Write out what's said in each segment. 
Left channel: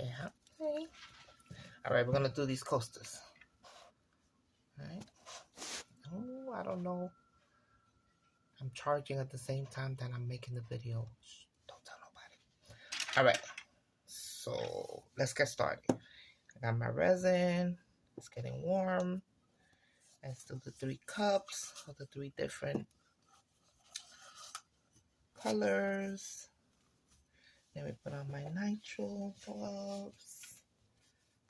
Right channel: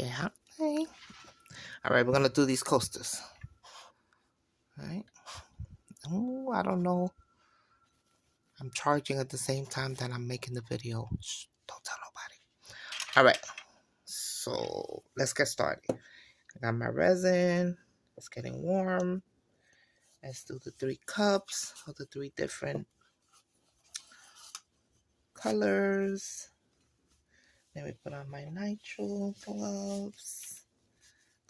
Yeah. Okay. All right, we're gonna do these coasters. All right. Oh, I don't know. I'm charging at the same time that I'm making the video. Shh, don't tell nobody. All right. So let's get started. I got my resin. It's getting warm. Let's do the 3 cups of the 3 different colors. Then we put on my nitrile gloves.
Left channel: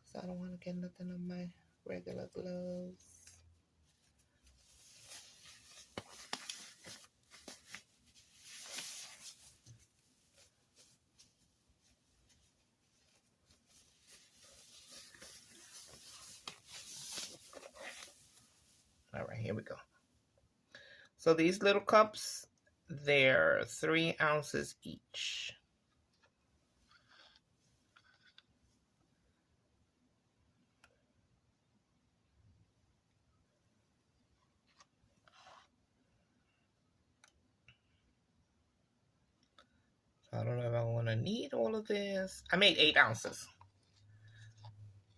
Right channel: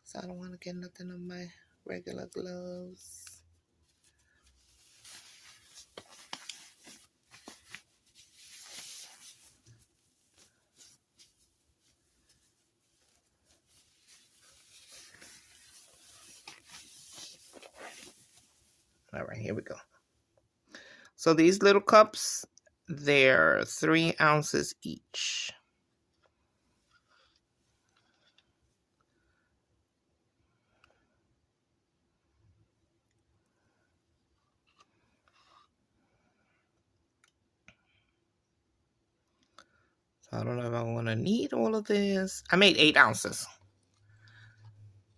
So I don't want to get nothing on my regular gloves. All right, here we go. So these little cups, they're 3 ounces each. So I don't know if I'm going to need all of this. I made 8 ounces.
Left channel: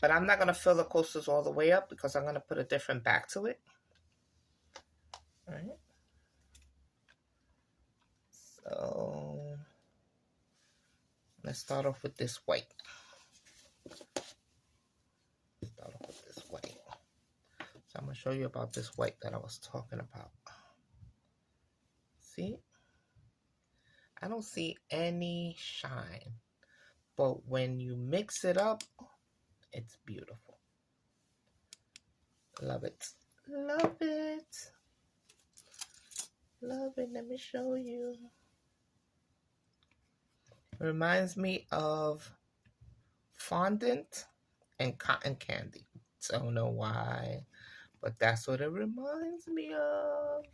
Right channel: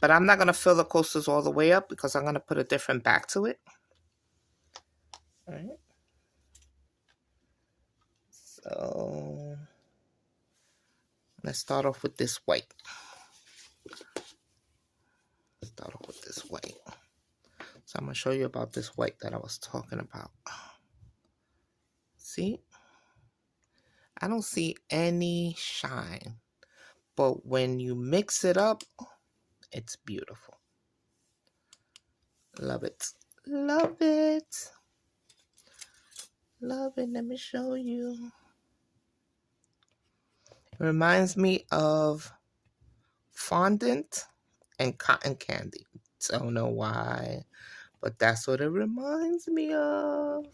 But I'm not going to fill the coasters all the way up because I'm going to put a different back to it. All right. So let's start off with this white. Start off with this white. So I'm going to show you about this white that I was talking about. See? I don't see any shine. But when you mix it up, it's beautiful. Love it. Love it. Love it. Let me show you. It reminds me of fondant and cotton candy. Don't know why, but that's what it reminds me of.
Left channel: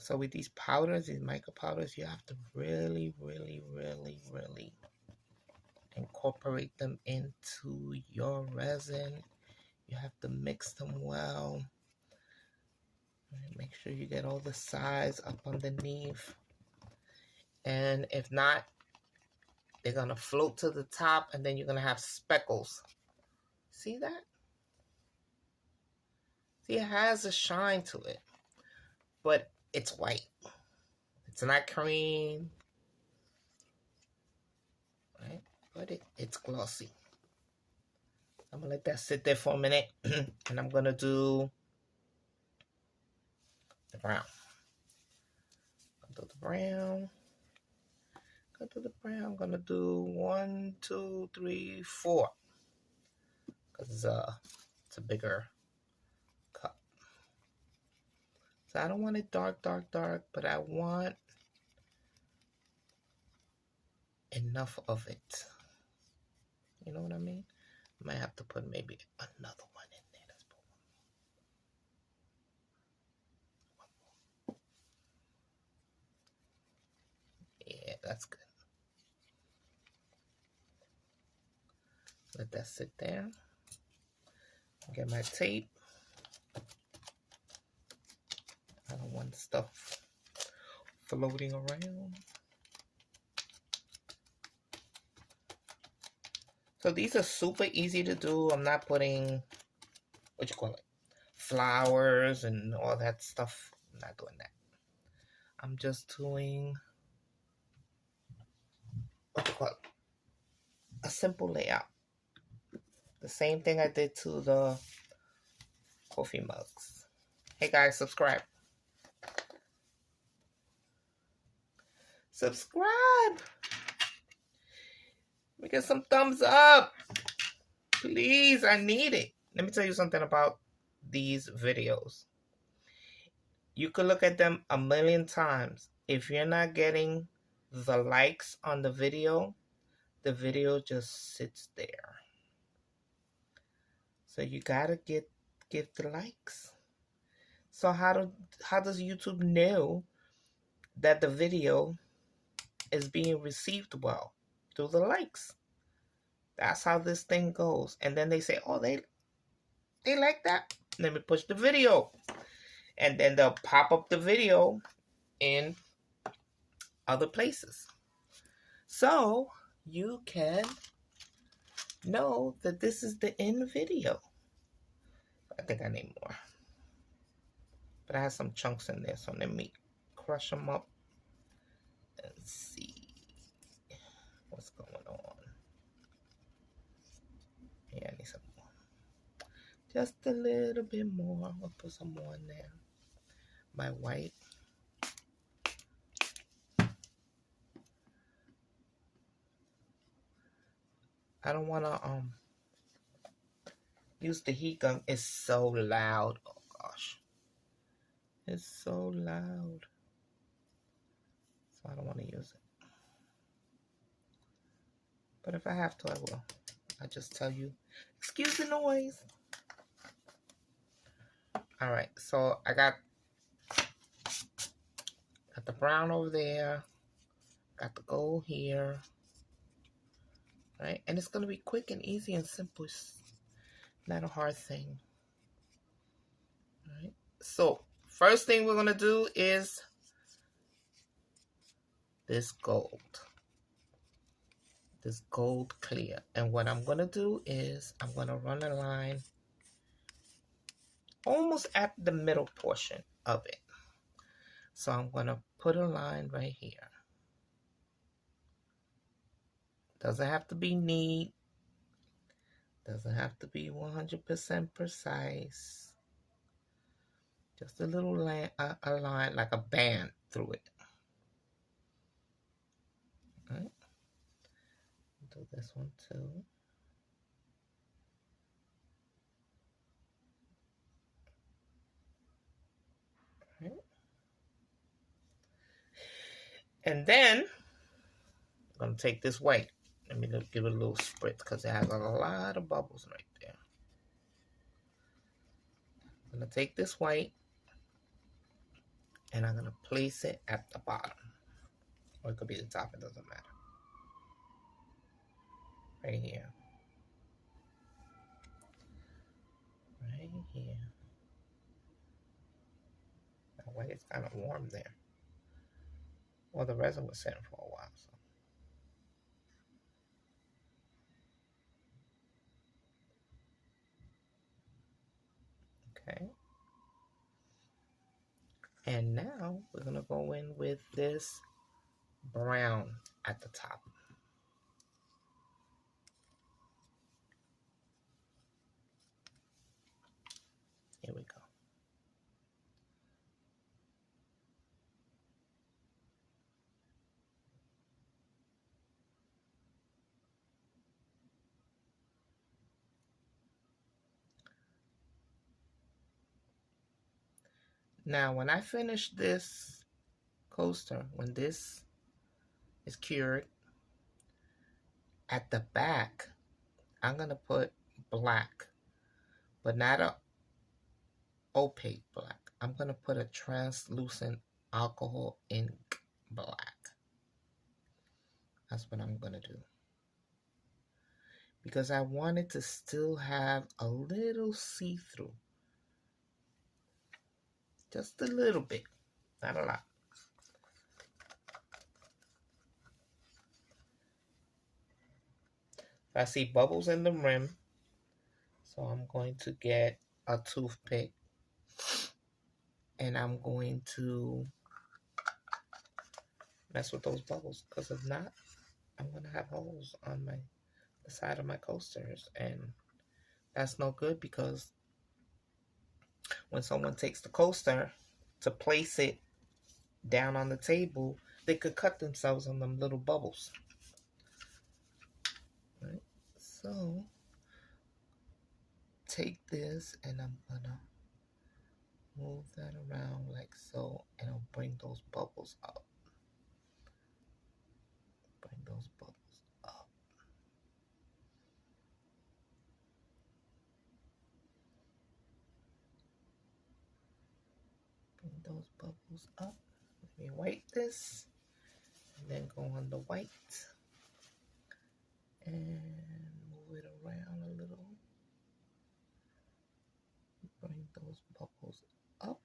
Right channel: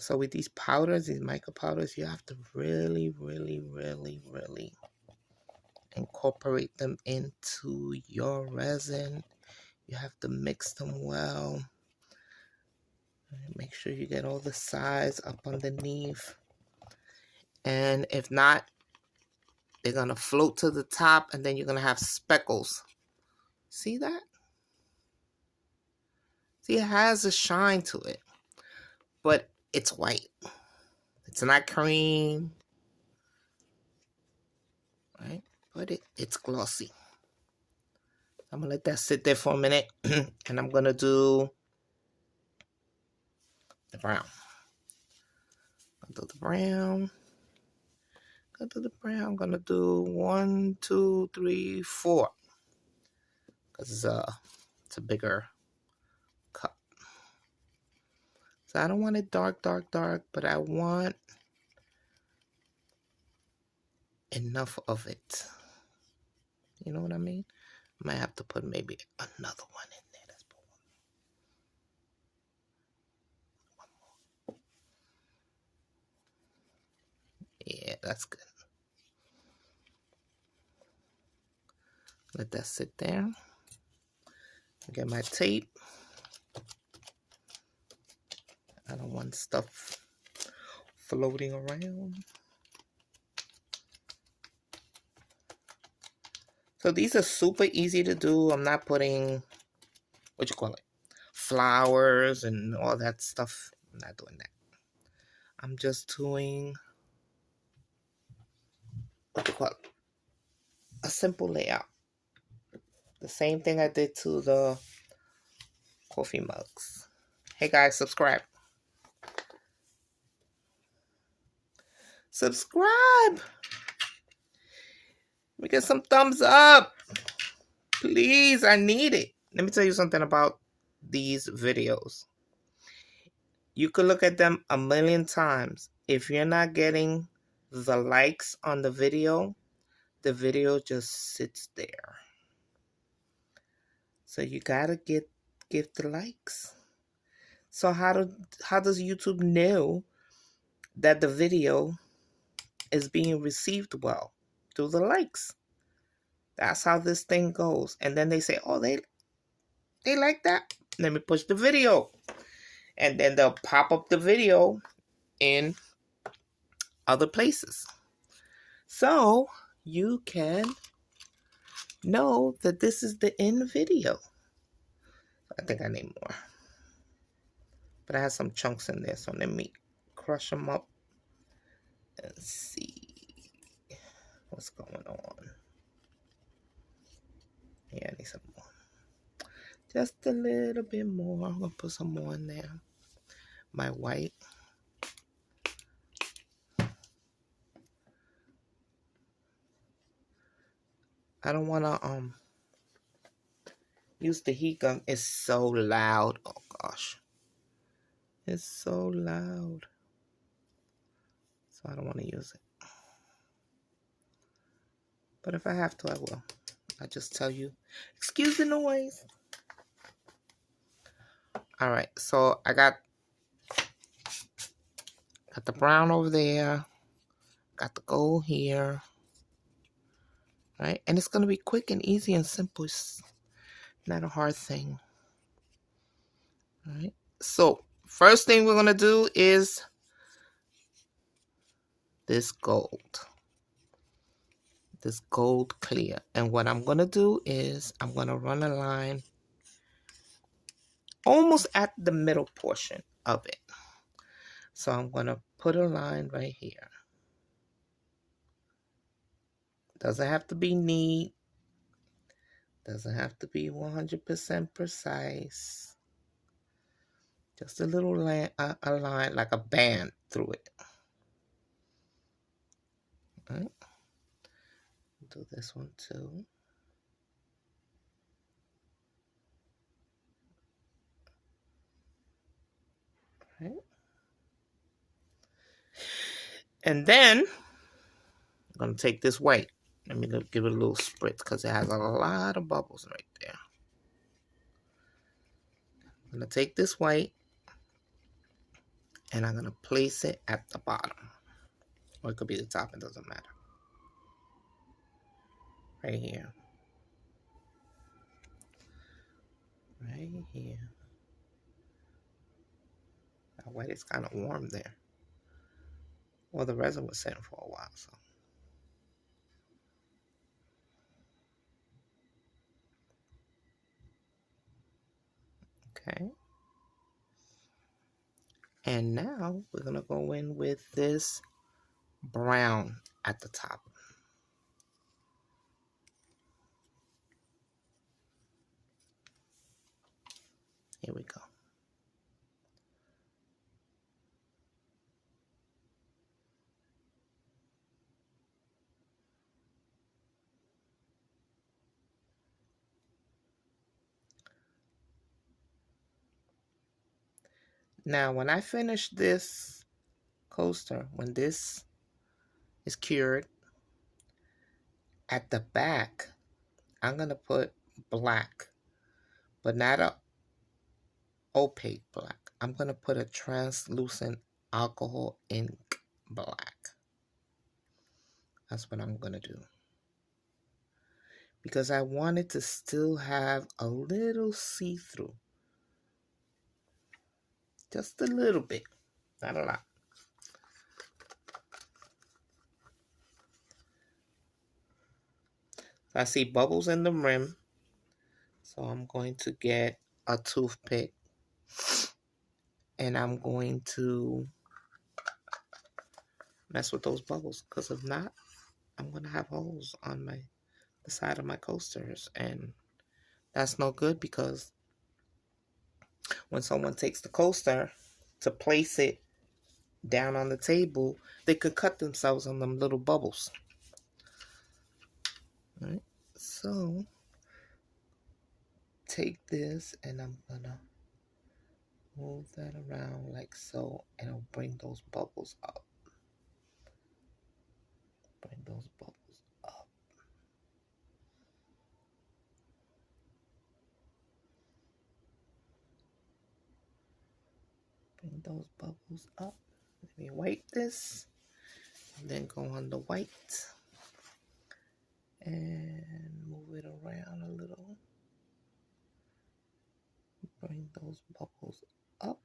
So with these powders, these mica powders, you have to really, really, really, really incorporate them into your resin. You have to mix them well. Make sure you get all the sides up underneath. And if not, they're going to float to the top and then you're going to have speckles. See that? See, it has a shine to it, but it's white. It's not cream, right? But it's glossy. I'm going to let that sit there for a minute and I'm going to do the brown. I'll do the brown. Go to the brown. I'm going to do 1, 2, 3, 4. Because it's a bigger cup. So I don't want it dark, dark, dark, but I want enough of it. You know what I mean? I might have to put maybe another one in there. Let's put one more. Yeah, that's good. Let that sit there. Get my tape. I don't want stuff floating around. So these are super easy to do. I'm not putting, what you call it, flowers and all that stuff. I'm not doing that. I'm just doing, what you call it, a simple layout. The same thing I did to the coffee mugs. Hey guys, subscribe. Subscribe. We get some thumbs up. Please, I need it. Let me tell you something about these videos. You could look at them a million times. If you're not getting the likes on the video just sits there. So you gotta give the likes. So how does YouTube know that the video is being received well? Through the likes. That's how this thing goes. And then they say, oh, they like that. Let me push the video. And then they'll pop up the video in other places. So you can know that this is the end video. I think I need more. But I have some chunks in there, so let me crush them up and see what's going on. Yeah, I need some more. Just a little bit more. I'm going to put some more in there. My white. I don't want to use the heat gun. It's so loud. Oh, gosh. It's so loud. So I don't want to use it. But if I have to, I will. I just tell you, excuse the noise. All right, so I got the brown over there. Got the gold here. Right, and it's going to be quick and easy and simple. It's not a hard thing. All right, so first thing we're going to do is this gold clear. And what I'm going to do is I'm going to run a line almost at the middle portion of it. So I'm going to put a line right here. Doesn't have to be neat. Doesn't have to be 100% precise. Just a little line, a line like a band through it. All right. Do this one too. All right. And then I'm going to take this white. Let me give it a little spritz because it has a lot of bubbles right there. I'm going to take this white and I'm going to place it at the bottom. Or it could be the top, it doesn't matter. Right here. Right here. That white is kind of warm there. Well, the resin was sitting for a while, so. Okay. And now we're going to go in with this brown at the top. Here we go. Now, when I finish this coaster, when this is cured, at the back, I'm going to put black, but not a opaque black. I'm going to put a translucent alcohol ink black. That's what I'm going to do. Because I want it to still have a little see-through. Just a little bit, not a lot. I see bubbles in the rim, so I'm going to get a toothpick and I'm going to mess with those bubbles, because if not, I'm going to have holes on the side of my coasters, and that's no good, because when someone takes the coaster to place it down on the table, they could cut themselves on them little bubbles. All right, so take this and I'm gonna move that around like so, and I'll bring those bubbles up. Bring those bubbles up. Bring those bubbles up. Let me wipe this, and then go on the white and move it around a little. Bring those bubbles up.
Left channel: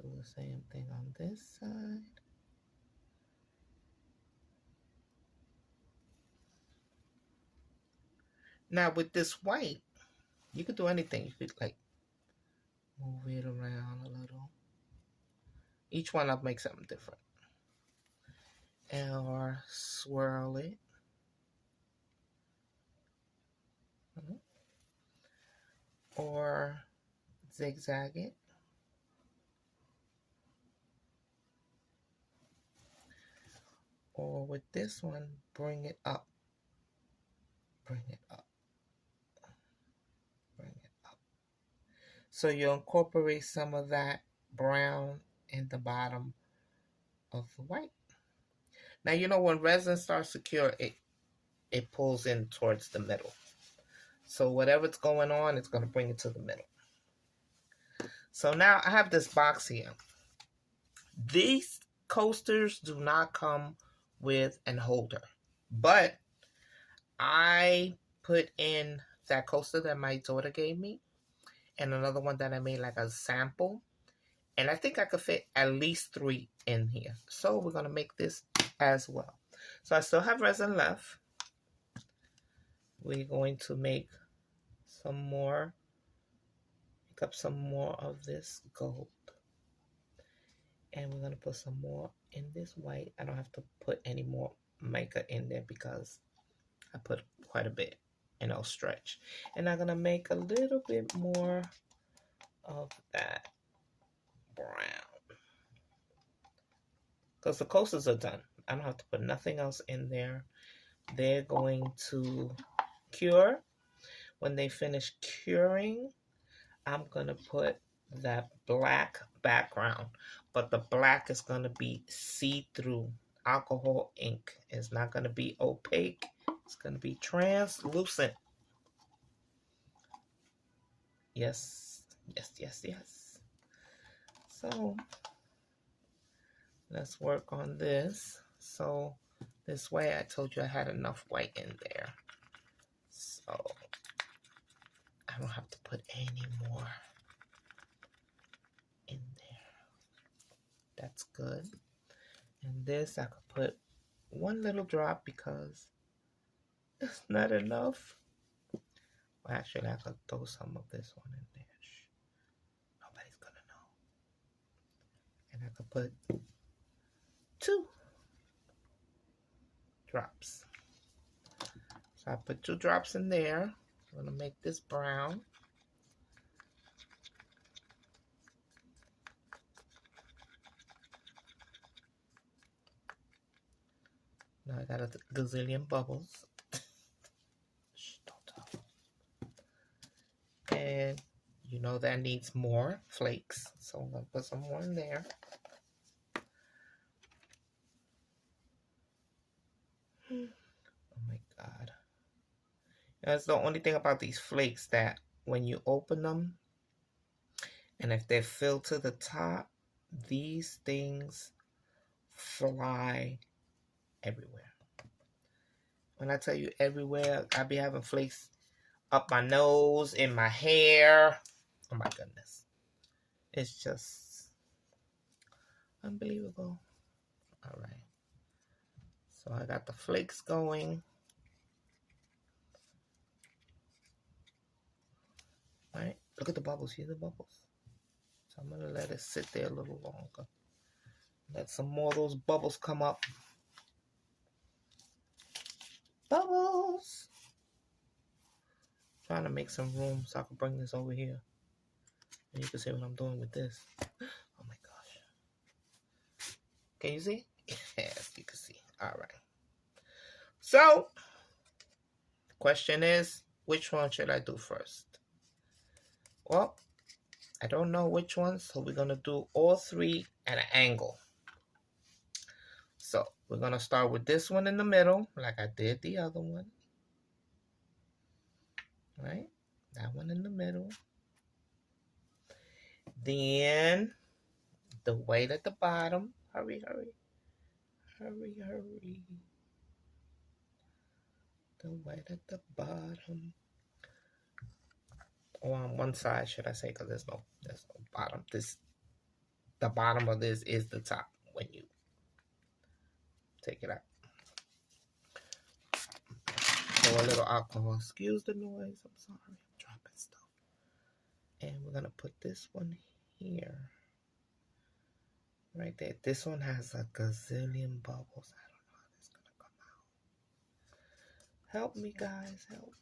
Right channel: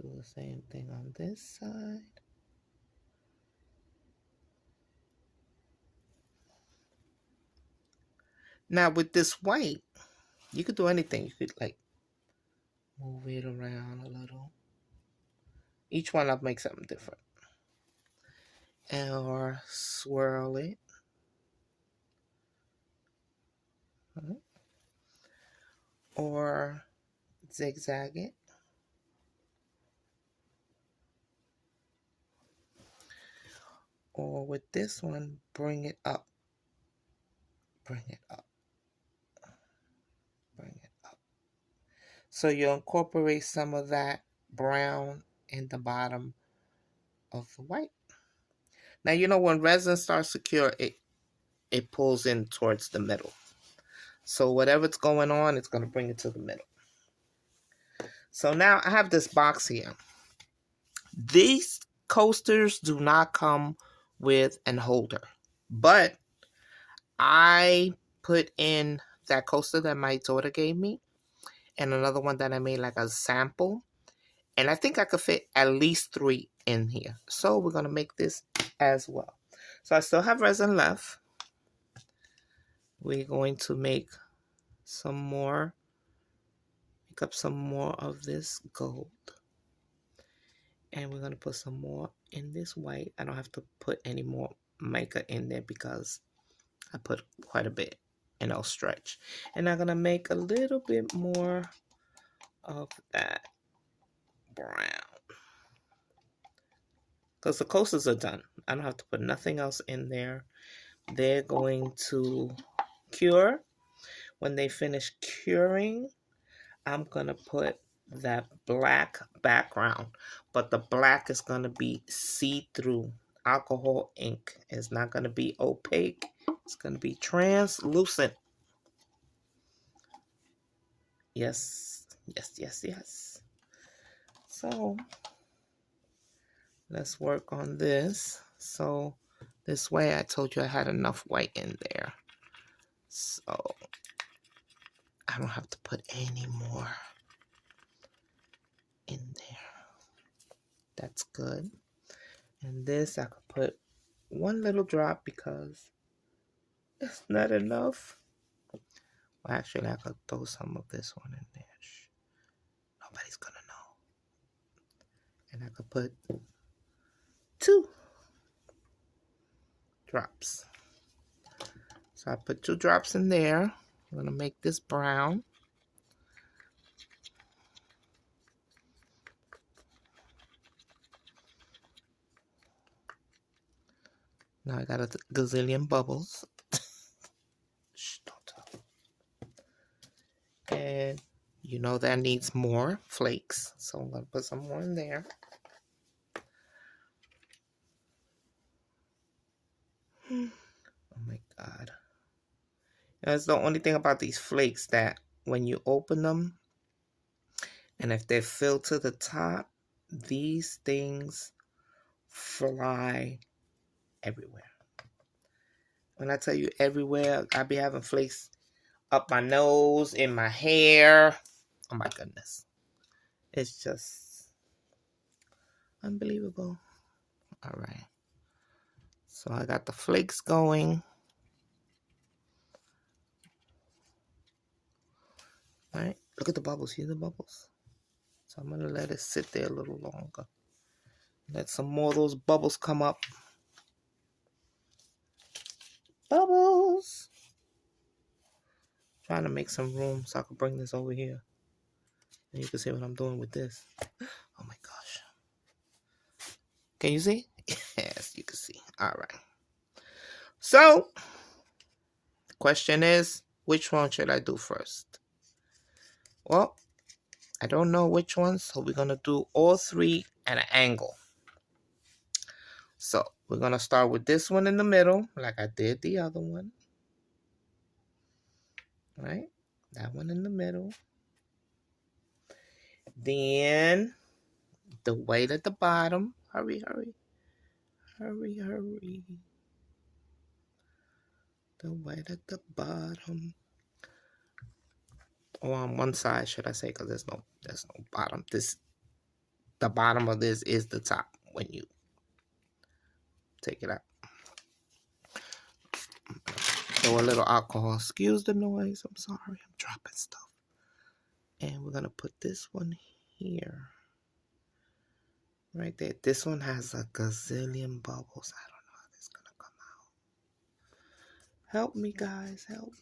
Do the same thing on this side. Now with this white, you could do anything. You could like move it around a little. Each one I'll make something different. Or swirl it. Or zigzag it. Or with this one, bring it up. Bring it up. Bring it up. So you incorporate some of that brown in the bottom of the white. Now, you know, when resin starts to cure, it pulls in towards the middle. So whatever's going on, it's going to bring it to the middle. So now I have this box here. These coasters do not come with an holder, but I put in that coaster that my daughter gave me and another one that I made like a sample. And I think I could fit at least 3 in here. So we're going to make this as well. So I still have resin left. We're going to make some more, pick up some more of this gold. And we're going to put some more in this white. I don't have to put any more mica in there because I put quite a bit and it'll stretch. And I'm going to make a little bit more of that brown. Because the coasters are done. I don't have to put nothing else in there. They're going to cure. When they finish curing, I'm going to put that black background. But the black is going to be see-through. Alcohol ink is not going to be opaque. It's going to be translucent. Yes, yes, yes, yes. So let's work on this. So this way I told you I had enough white in there. So I don't have to put any more in there. That's good. And this I could put one little drop because it's not enough. Well, actually, I could throw some of this one in there. Shh. Nobody's gonna know. And I could put 2 drops. So I put 2 drops in there. I'm gonna make this brown. Now I got a gazillion bubbles. Shh, don't talk. And you know that needs more flakes. So I'm gonna put some more in there. Oh my God. That's the only thing about these flakes, that when you open them, and if they're filled to the top, these things fly everywhere. When I tell you everywhere, I be having flakes up my nose, in my hair. Oh my goodness. It's just unbelievable. All right. So I got the flakes going. All right. Look at the bubbles. See the bubbles? So I'm going to let it sit there a little longer. Let some more of those bubbles come up. Bubbles! Trying to make some room so I can bring this over here. And you can see what I'm doing with this. Oh my gosh. Can you see? Yes, you can see. All right. So, the question is, which one should I do first? Well, I don't know which one, so we're going to do all 3 at an angle. So, we're going to start with this one in the middle, like I did the other one. Right? That one in the middle. Then, the white at the bottom. Hurry, hurry. Hurry, hurry. The white at the bottom. Or on one side, should I say, because there's no bottom. This the bottom of this is the top when you take it out. So a little alcohol. Excuse the noise. I'm sorry. I'm dropping stuff. And we're going to put this one here. Right there. This one has a gazillion bubbles. I don't know how this is going to come out. Help me, guys. Help me.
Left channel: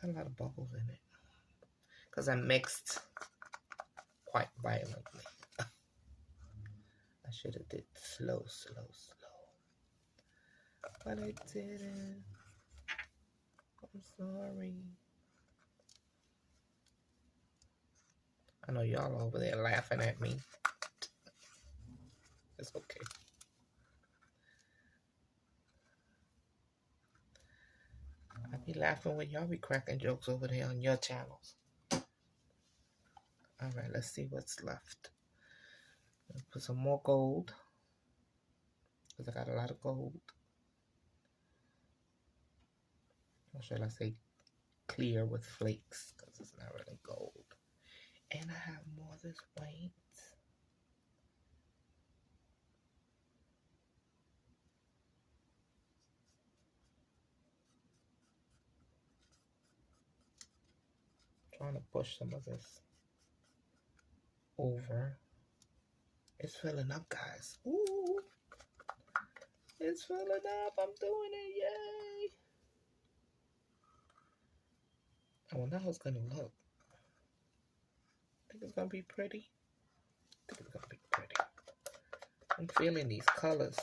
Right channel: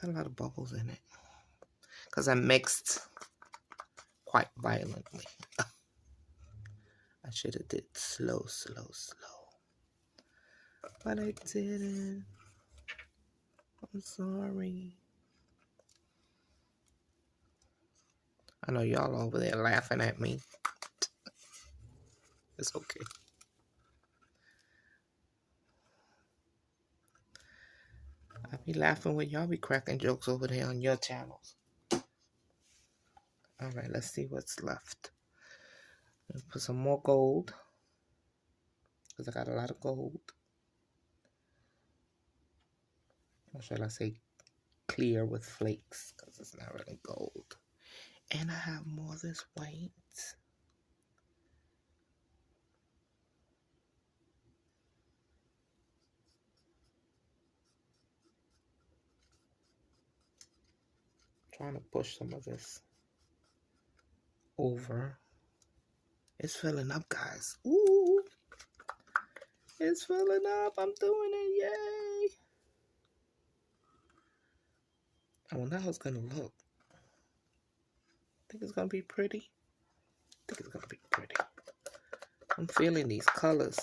Got a lot of bubbles in it. Because I mixed quite violently. I should have did slow. But I didn't. I'm sorry. I know y'all over there laughing at me. It's okay. I be laughing when y'all be cracking jokes over there on your channels. Alright, let's see what's left. Put some more gold. Because I got a lot of gold. Or should I say clear with flakes? Because it's not really gold. And I have more of this white. Trying to push some of this over. It's filling up, guys. Ooh. It's filling up. I'm doing it. Yay. I wonder how it's going to look. Think it's going to be pretty? I think it's going to be pretty. I'm feeling these colors.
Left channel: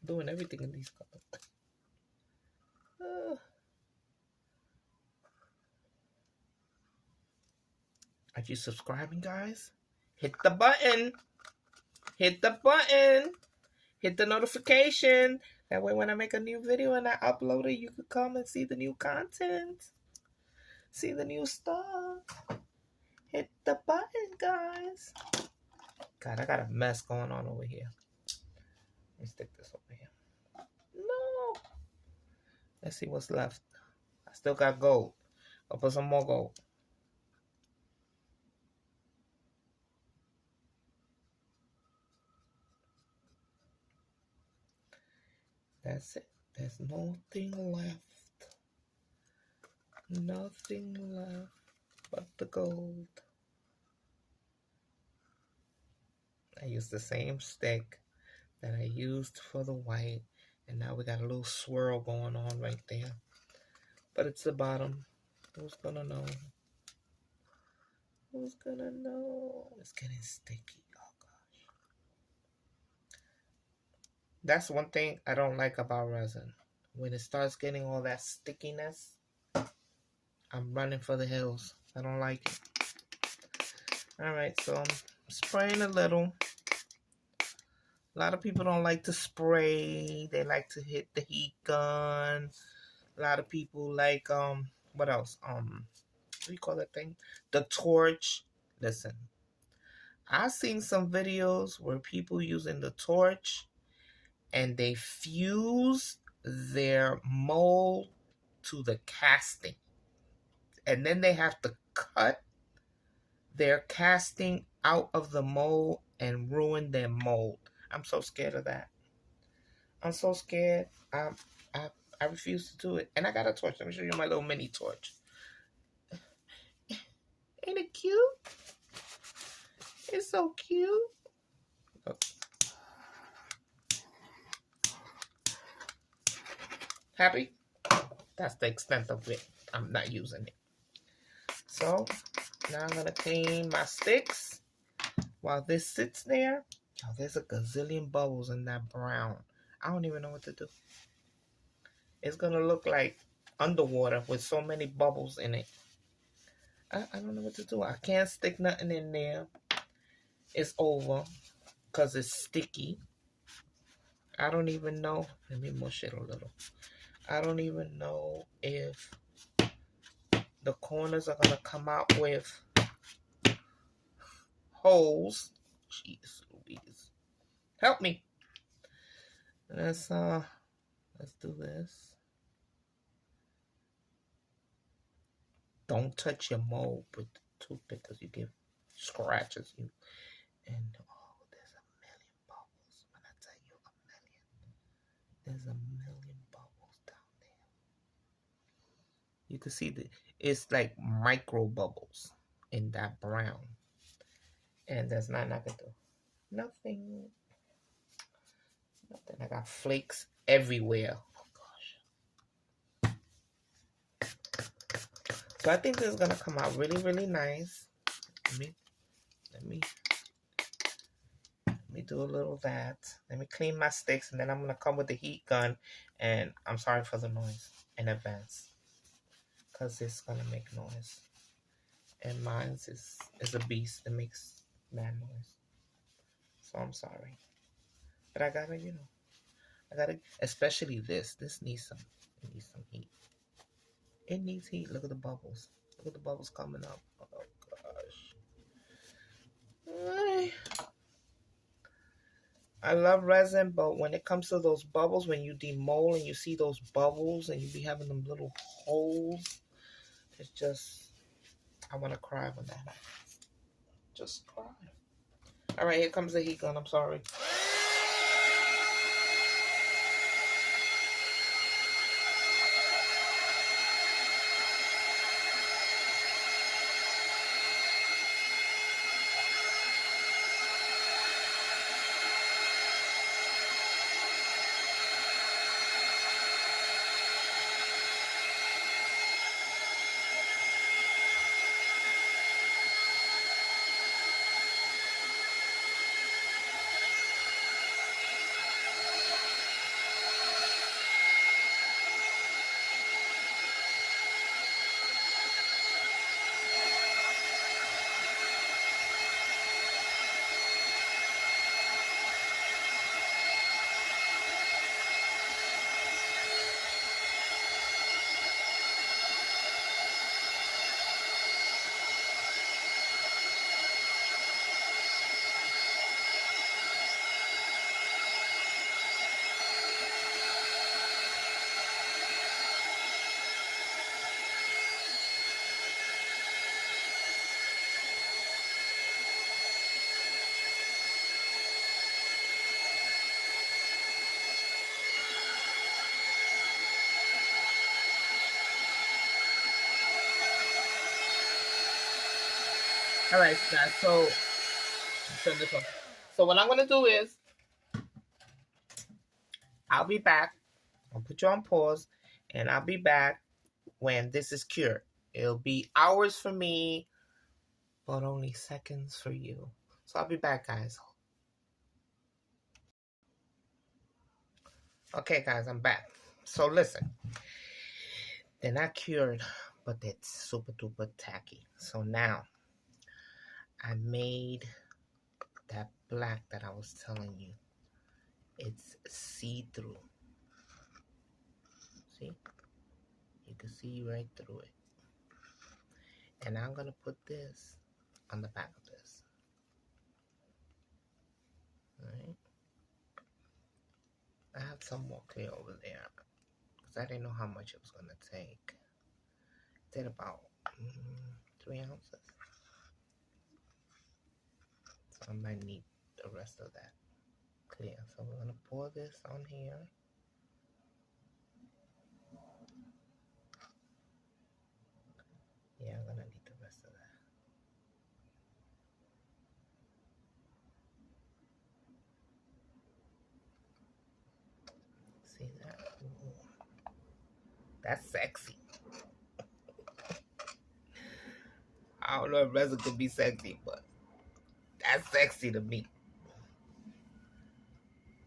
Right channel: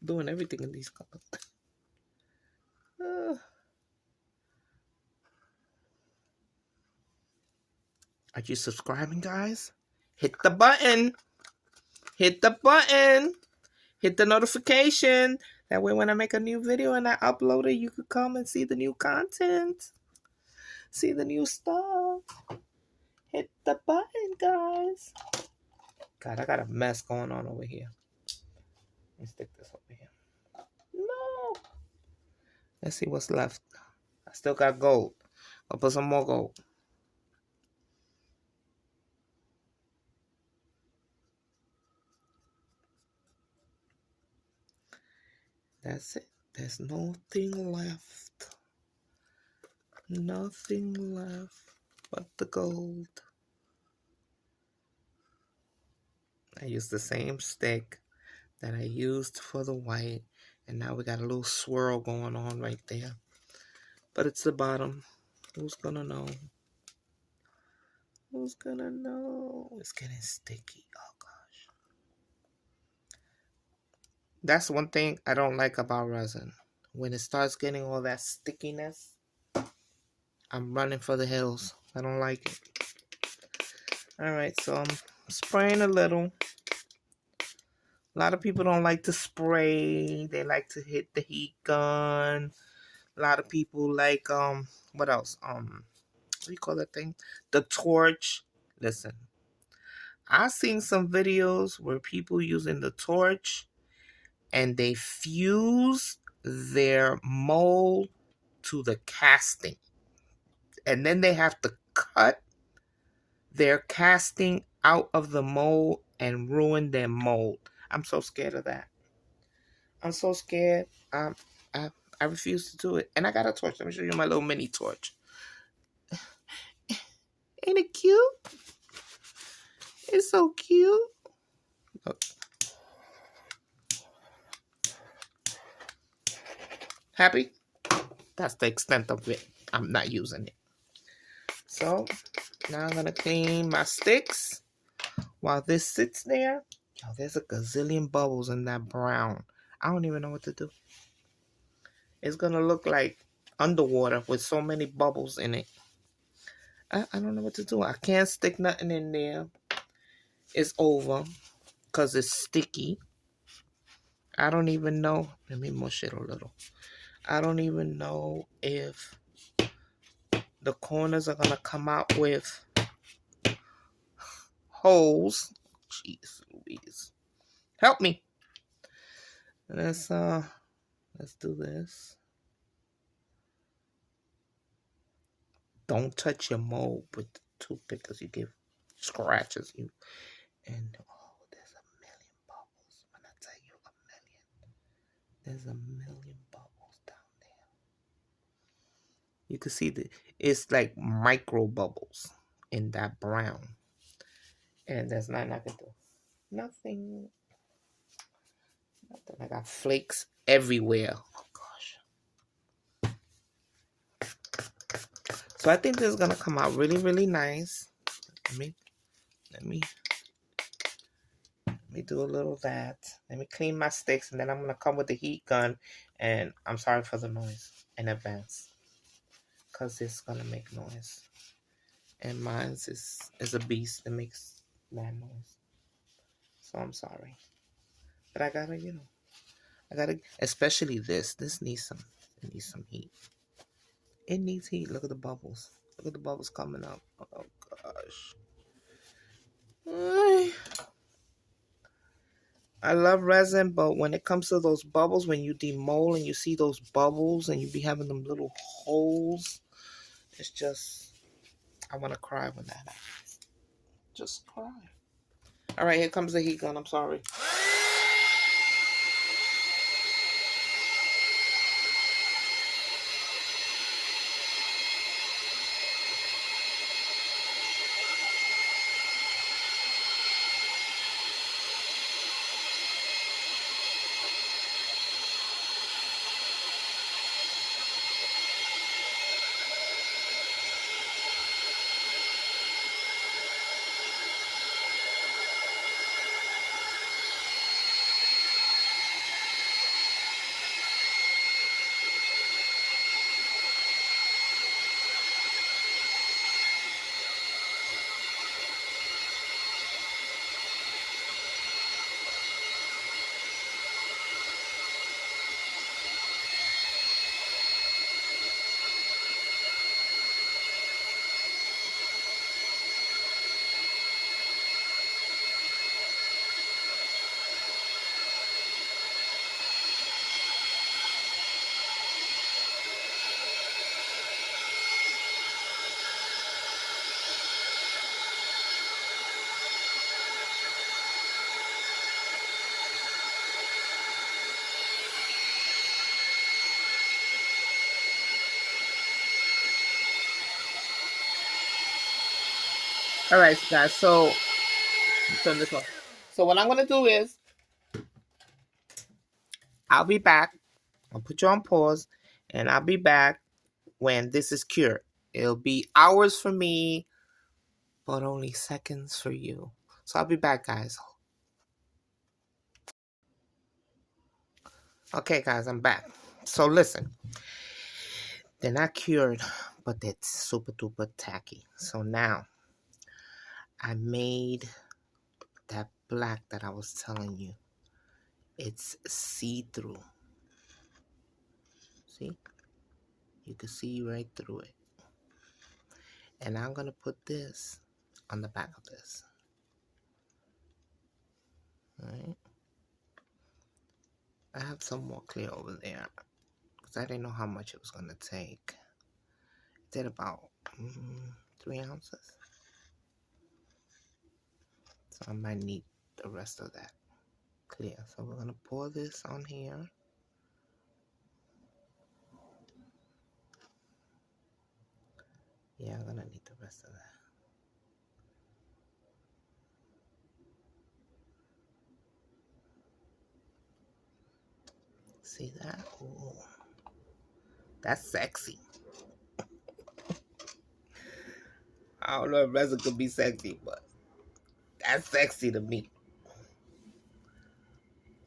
I'm doing everything in these colors. Are you subscribing, guys? Hit the button. Hit the button. Hit the notification. That way when I make a new video and I upload it, you could come and see the new content. See the new stuff. Hit the button, guys. God, I got a mess going on over here. Let me stick this over here. No. Let's see what's left. I still got gold. I'll put some more gold. That's it. There's nothing left. Nothing left but the gold. I used the same stick that I used for the white. And now we got a little swirl going on right there. But it's the bottom. Who's gonna know? Who's gonna know? It's getting sticky. Oh, gosh. That's one thing I don't like about resin. When it starts getting all that stickiness, I'm running for the hills. I don't like it. Alright, so I'm spraying a little. A lot of people don't like to spray. They like to hit the heat gun. A lot of people like, what else? What do you call that thing? The torch. Listen, I've seen some videos where people using the torch and they fuse their mold to the casting. And then they have to cut their casting out of the mold and ruin their mold. I'm so scared of that. I'm so scared. I refuse to do it. And I got a torch. Let me show you my little mini torch. Ain't it cute? It's so cute. Look. Happy? That's the extent of it. I'm not using it. So now I'm going to clean my sticks while this sits there. Oh, there's a gazillion bubbles in that brown. I don't even know what to do. It's going to look like underwater with so many bubbles in it. I don't know what to do. I can't stick nothing in there. It's over because it's sticky. I don't even know. Let me mush it a little. I don't even know if the corners are going to come out with holes. Jeez Louise. Help me. Let's do this. Don't touch your mold with the toothpick because you give scratches you. And oh, there's a million bubbles. When I tell you a million, there's a million bubbles down there. You can see it's like micro bubbles in that brown. And there's nothing I can do. Nothing. Nothing. I got flakes everywhere. Oh gosh. So I think this is gonna come out really, really nice. Let me do a little of that. Let me clean my sticks, and then I'm gonna come with the heat gun. And I'm sorry for the noise in advance, cause it's gonna make noise. And mine's is a beast that makes mad noise. So I'm sorry, but I gotta, I gotta, especially this. This needs some. It needs some heat. It needs heat. Look at the bubbles. Look at the bubbles coming up. Oh gosh. I love resin, but when it comes to those bubbles, when you demold and you see those bubbles and you be having them little holes, it's just, I want to cry when that happens. Just cry. All right, here comes the heat gun. I'm sorry. All right, guys. So turn this on. So what I'm gonna do is, I'll be back. I'll put you on pause, and I'll be back when this is cured. It'll be hours for me, but only seconds for you. So I'll be back, guys. Okay, guys, I'm back. So listen, they're not cured, but it's super duper tacky. So now I made that black that I was telling you. It's see-through. See? You can see right through it. And I'm going to put this on the back of this. Alright? I have some more clear over there, because I didn't know how much it was going to take. It did about 3 ounces. So I might need the rest of that clear. So we're going to pour this on here. Yeah, I'm going to need the rest of that. See that? Ooh. That's sexy. I don't know if resin could be sexy, but that's sexy to me.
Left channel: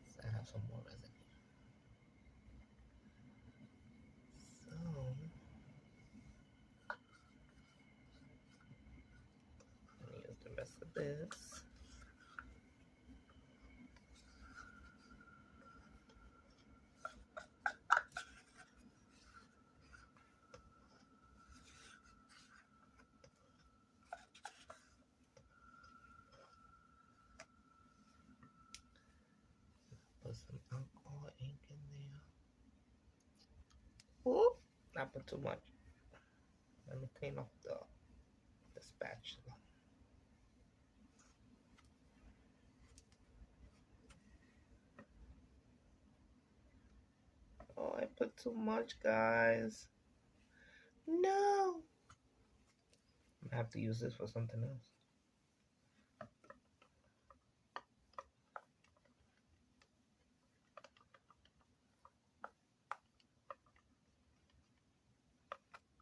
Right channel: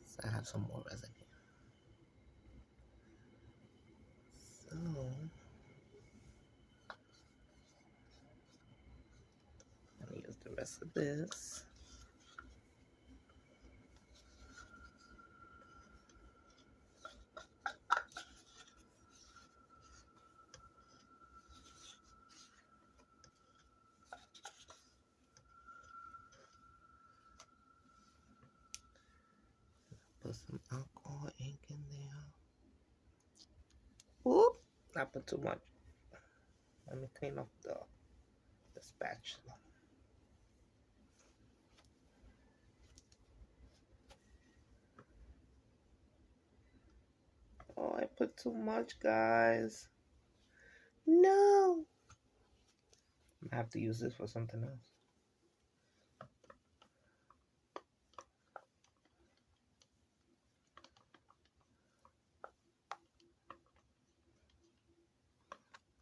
So I have some more resin here. So let me use the rest of this. Put some alcohol ink in there. Ooh, I put too much. Let me clean up the spatula. Oh, I put too much, guys. No. I have to use this for something else.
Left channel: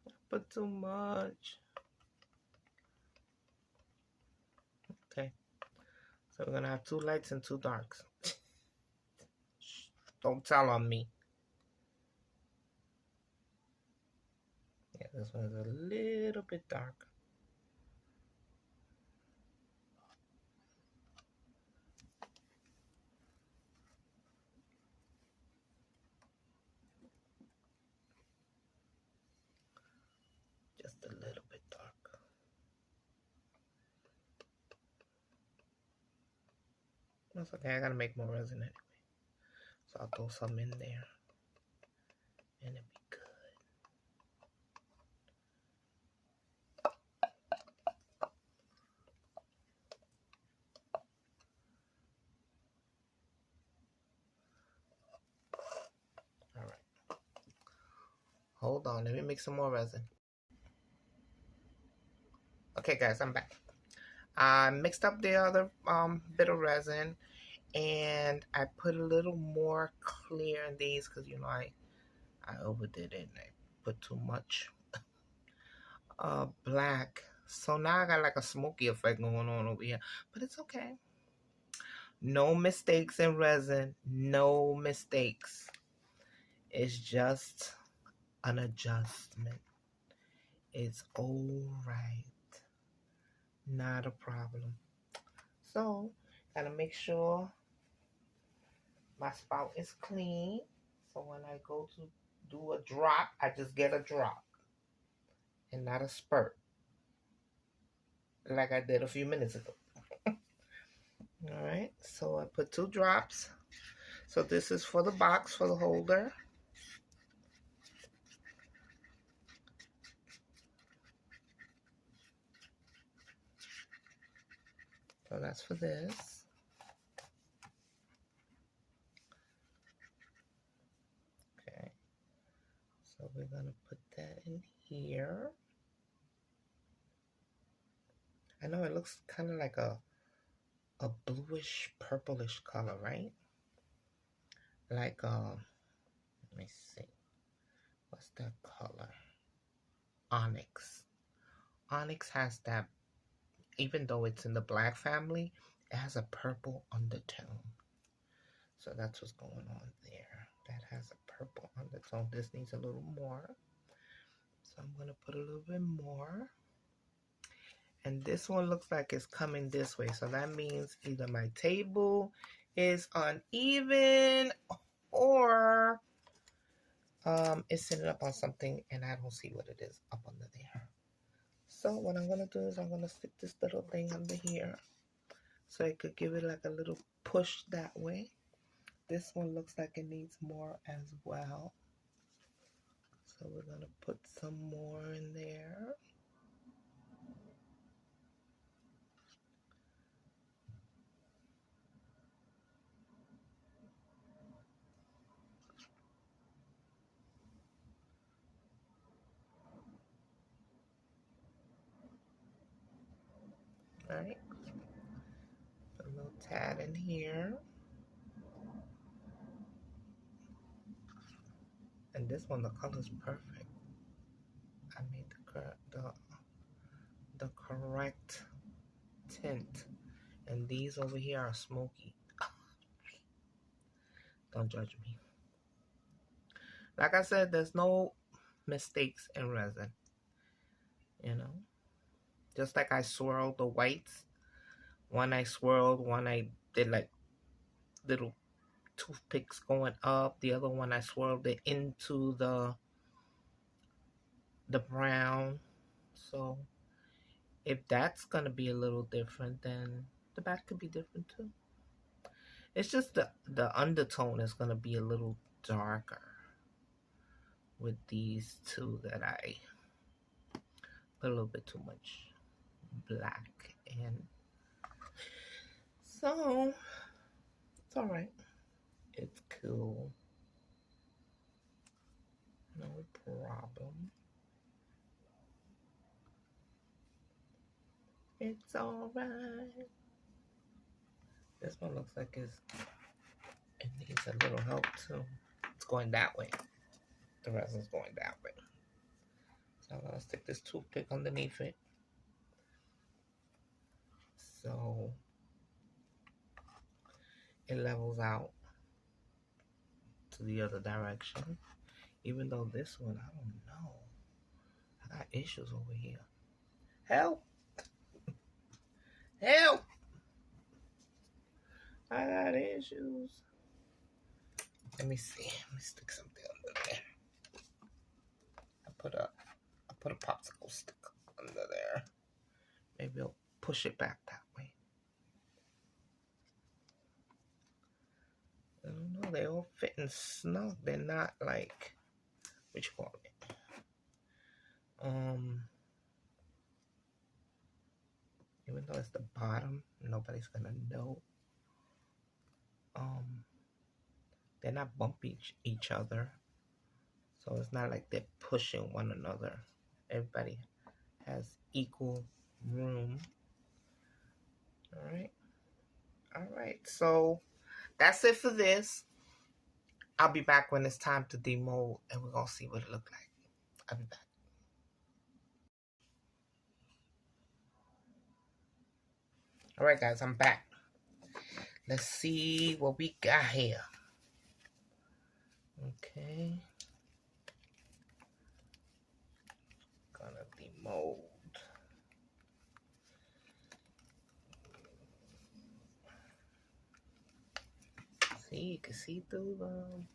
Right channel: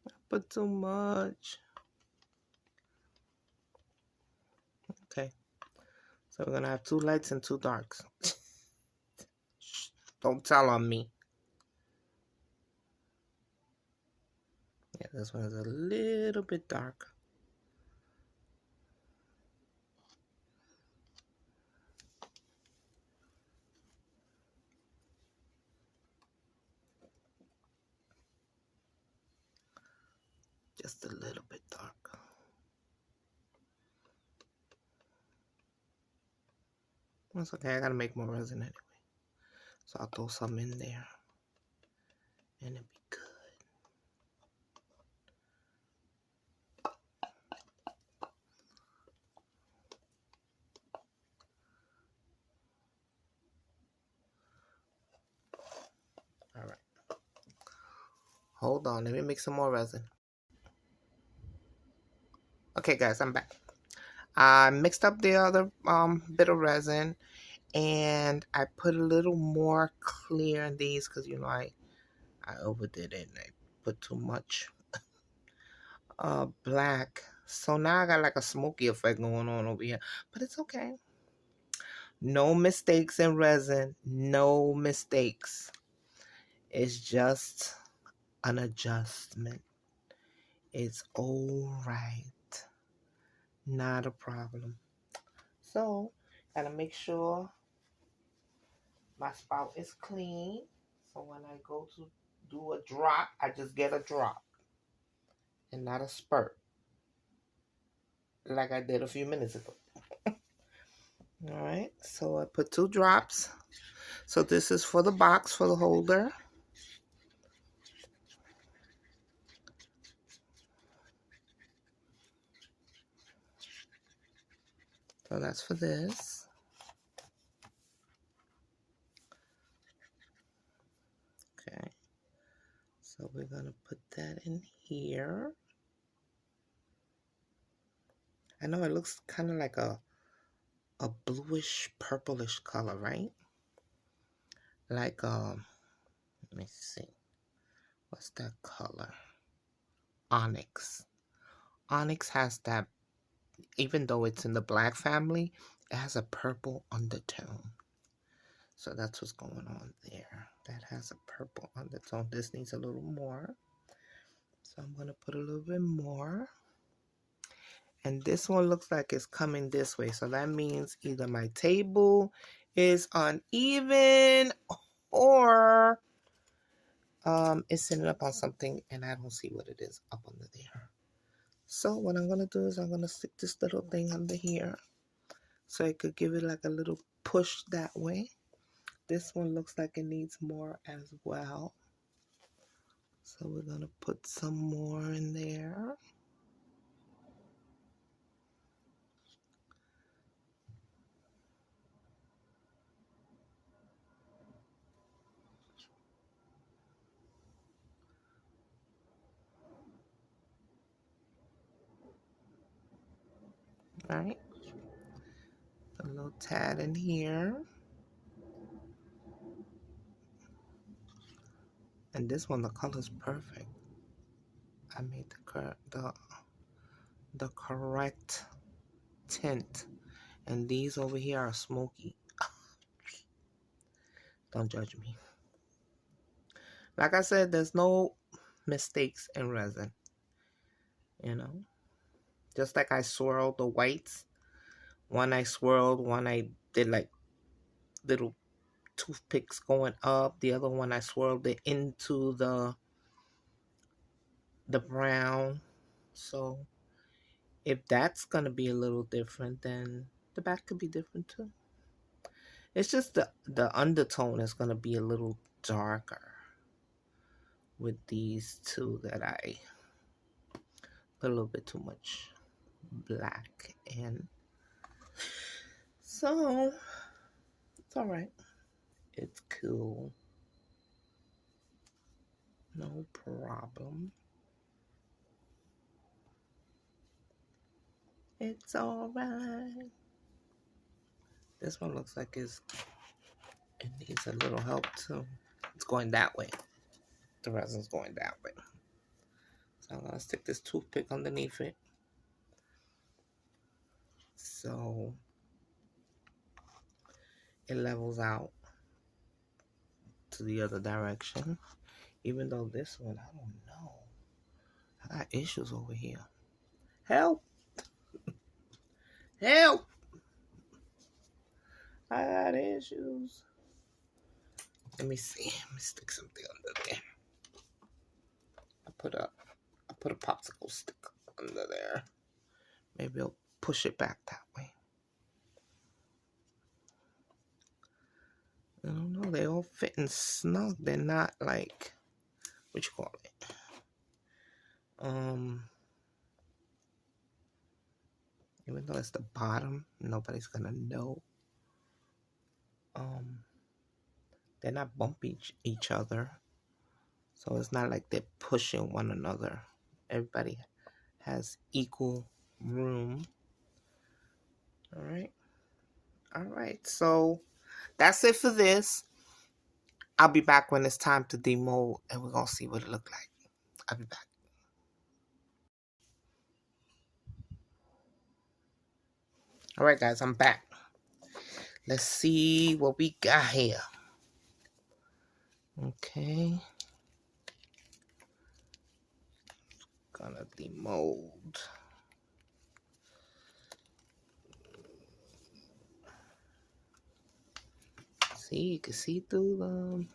I put too much. Okay. So we're gonna have 2 lights and 2 darks. Don't tell on me. Yeah, this one is a little bit dark. Just a little bit dark. That's okay, I gotta make more resin anyway. So I'll throw some in there. And it'll be good. Alright. Hold on, let me make some more resin. Okay guys, I'm back. I mixed up the other bit of resin, and I put a little more clear in these because you know I overdid it and I put too much black. So now I got like a smoky effect going on over here, but it's okay. No mistakes in resin, no mistakes. It's just an adjustment. It's all right, not a problem. So gotta make sure my spout is clean. So when I go to do a drop, I just get a drop and not a spurt like I did a few minutes ago. All right, so I put 2 drops. So this is for the box, for the holder. So that's for this. Okay, so we're gonna put that in here. I know it looks kind of like a bluish purplish color, right? Like let me see, what's that color? Onyx. Onyx has that, even though it's in the black family, it has a purple undertone. So that's what's going on there. That has a purple undertone. This needs a little more. So I'm going to put a little bit more. And this one looks like it's coming this way. So that means either my table is uneven or it's sitting up on something and I don't see what it is up under there. So what I'm going to do is I'm going to stick this little thing under here so it could give it like a little push that way. This one looks like it needs more as well. So we're going to put some more in there. All right. A little tad in here. And this one, the color's perfect. I made the correct tint. And these over here are smoky. Don't judge me. Like I said, there's no mistakes in resin. You know? Just like I swirled the whites. One I swirled, one I did like little toothpicks going up. The other one I swirled it into the brown. So if that's gonna be a little different, then the back could be different too. It's just the undertone is gonna be a little darker with these two that I put a little bit too much black in. So it's all right. It's cool. No problem. It's alright. This one looks like it needs a little help too. It's going that way. The resin's going that way. So I'm gonna stick this toothpick underneath it. So it levels out to the other direction. Even though this one, I don't know. I got issues over here. Help! Help! I got issues. Let me see. Let me stick something under there. I put a popsicle stick under there. Maybe I'll push it back that way. I don't know. They all fitting snug. They're not like, what you call it? Even though it's the bottom, nobody's gonna know. They're not bumping each other, so it's not like they're pushing one another. Everybody has equal room. All right, so that's it for this. I'll be back when it's time to demold, and we're gonna see what it look like. I'll be back. All right, guys, I'm back. Let's see what we got here. Okay. Gonna demold. See, you can see through them.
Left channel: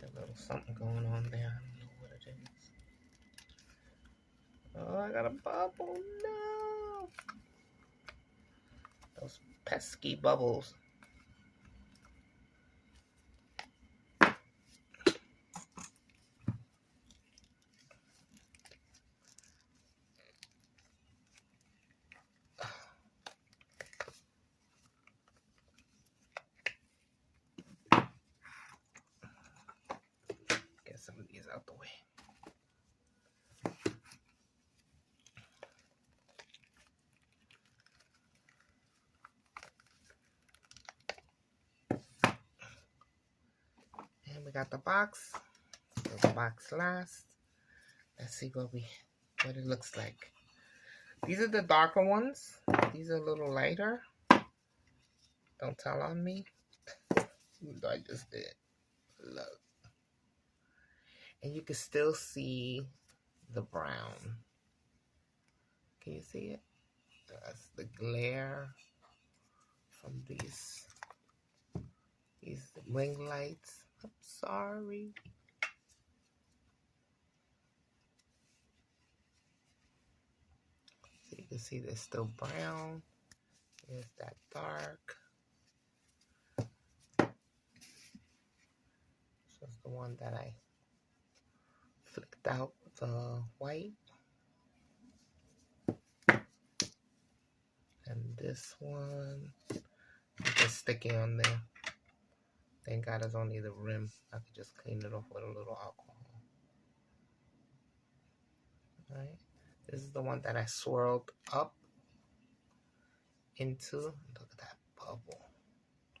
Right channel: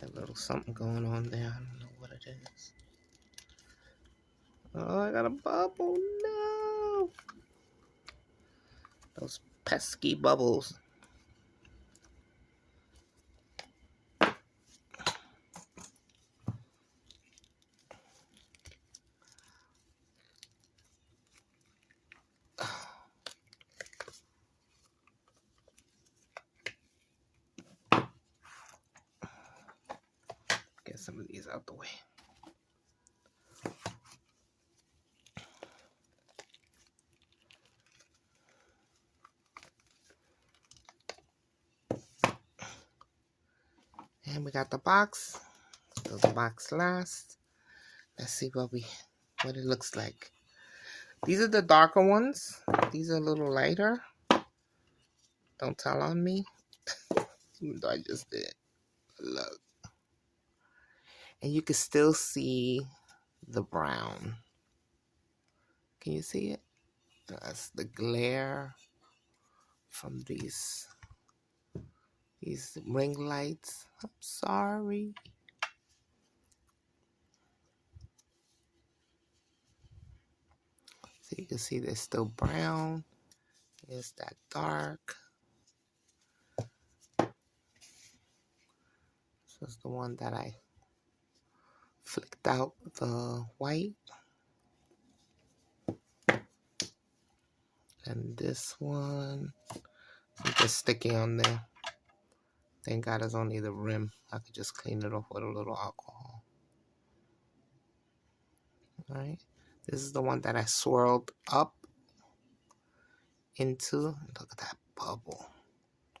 That little something going on there. I don't know what it is. Oh, I got a bubble. No. Those pesky bubbles. Get some of these out the way. And we got the box. So the box last. Let's see what it looks like. These are the darker ones. These are a little lighter. Don't tell on me. Even though I just did. Look. And you can still see the brown. Can you see it? That's the glare from these ring lights. I'm sorry. So you can see they're still brown. Here's that dark. This is the one that I flicked out the white. And this one, I'm just sticking on there. Thank God it's only the rim. I could just clean it off with a little alcohol. All right. This is the one that I swirled up into. Look at that bubble.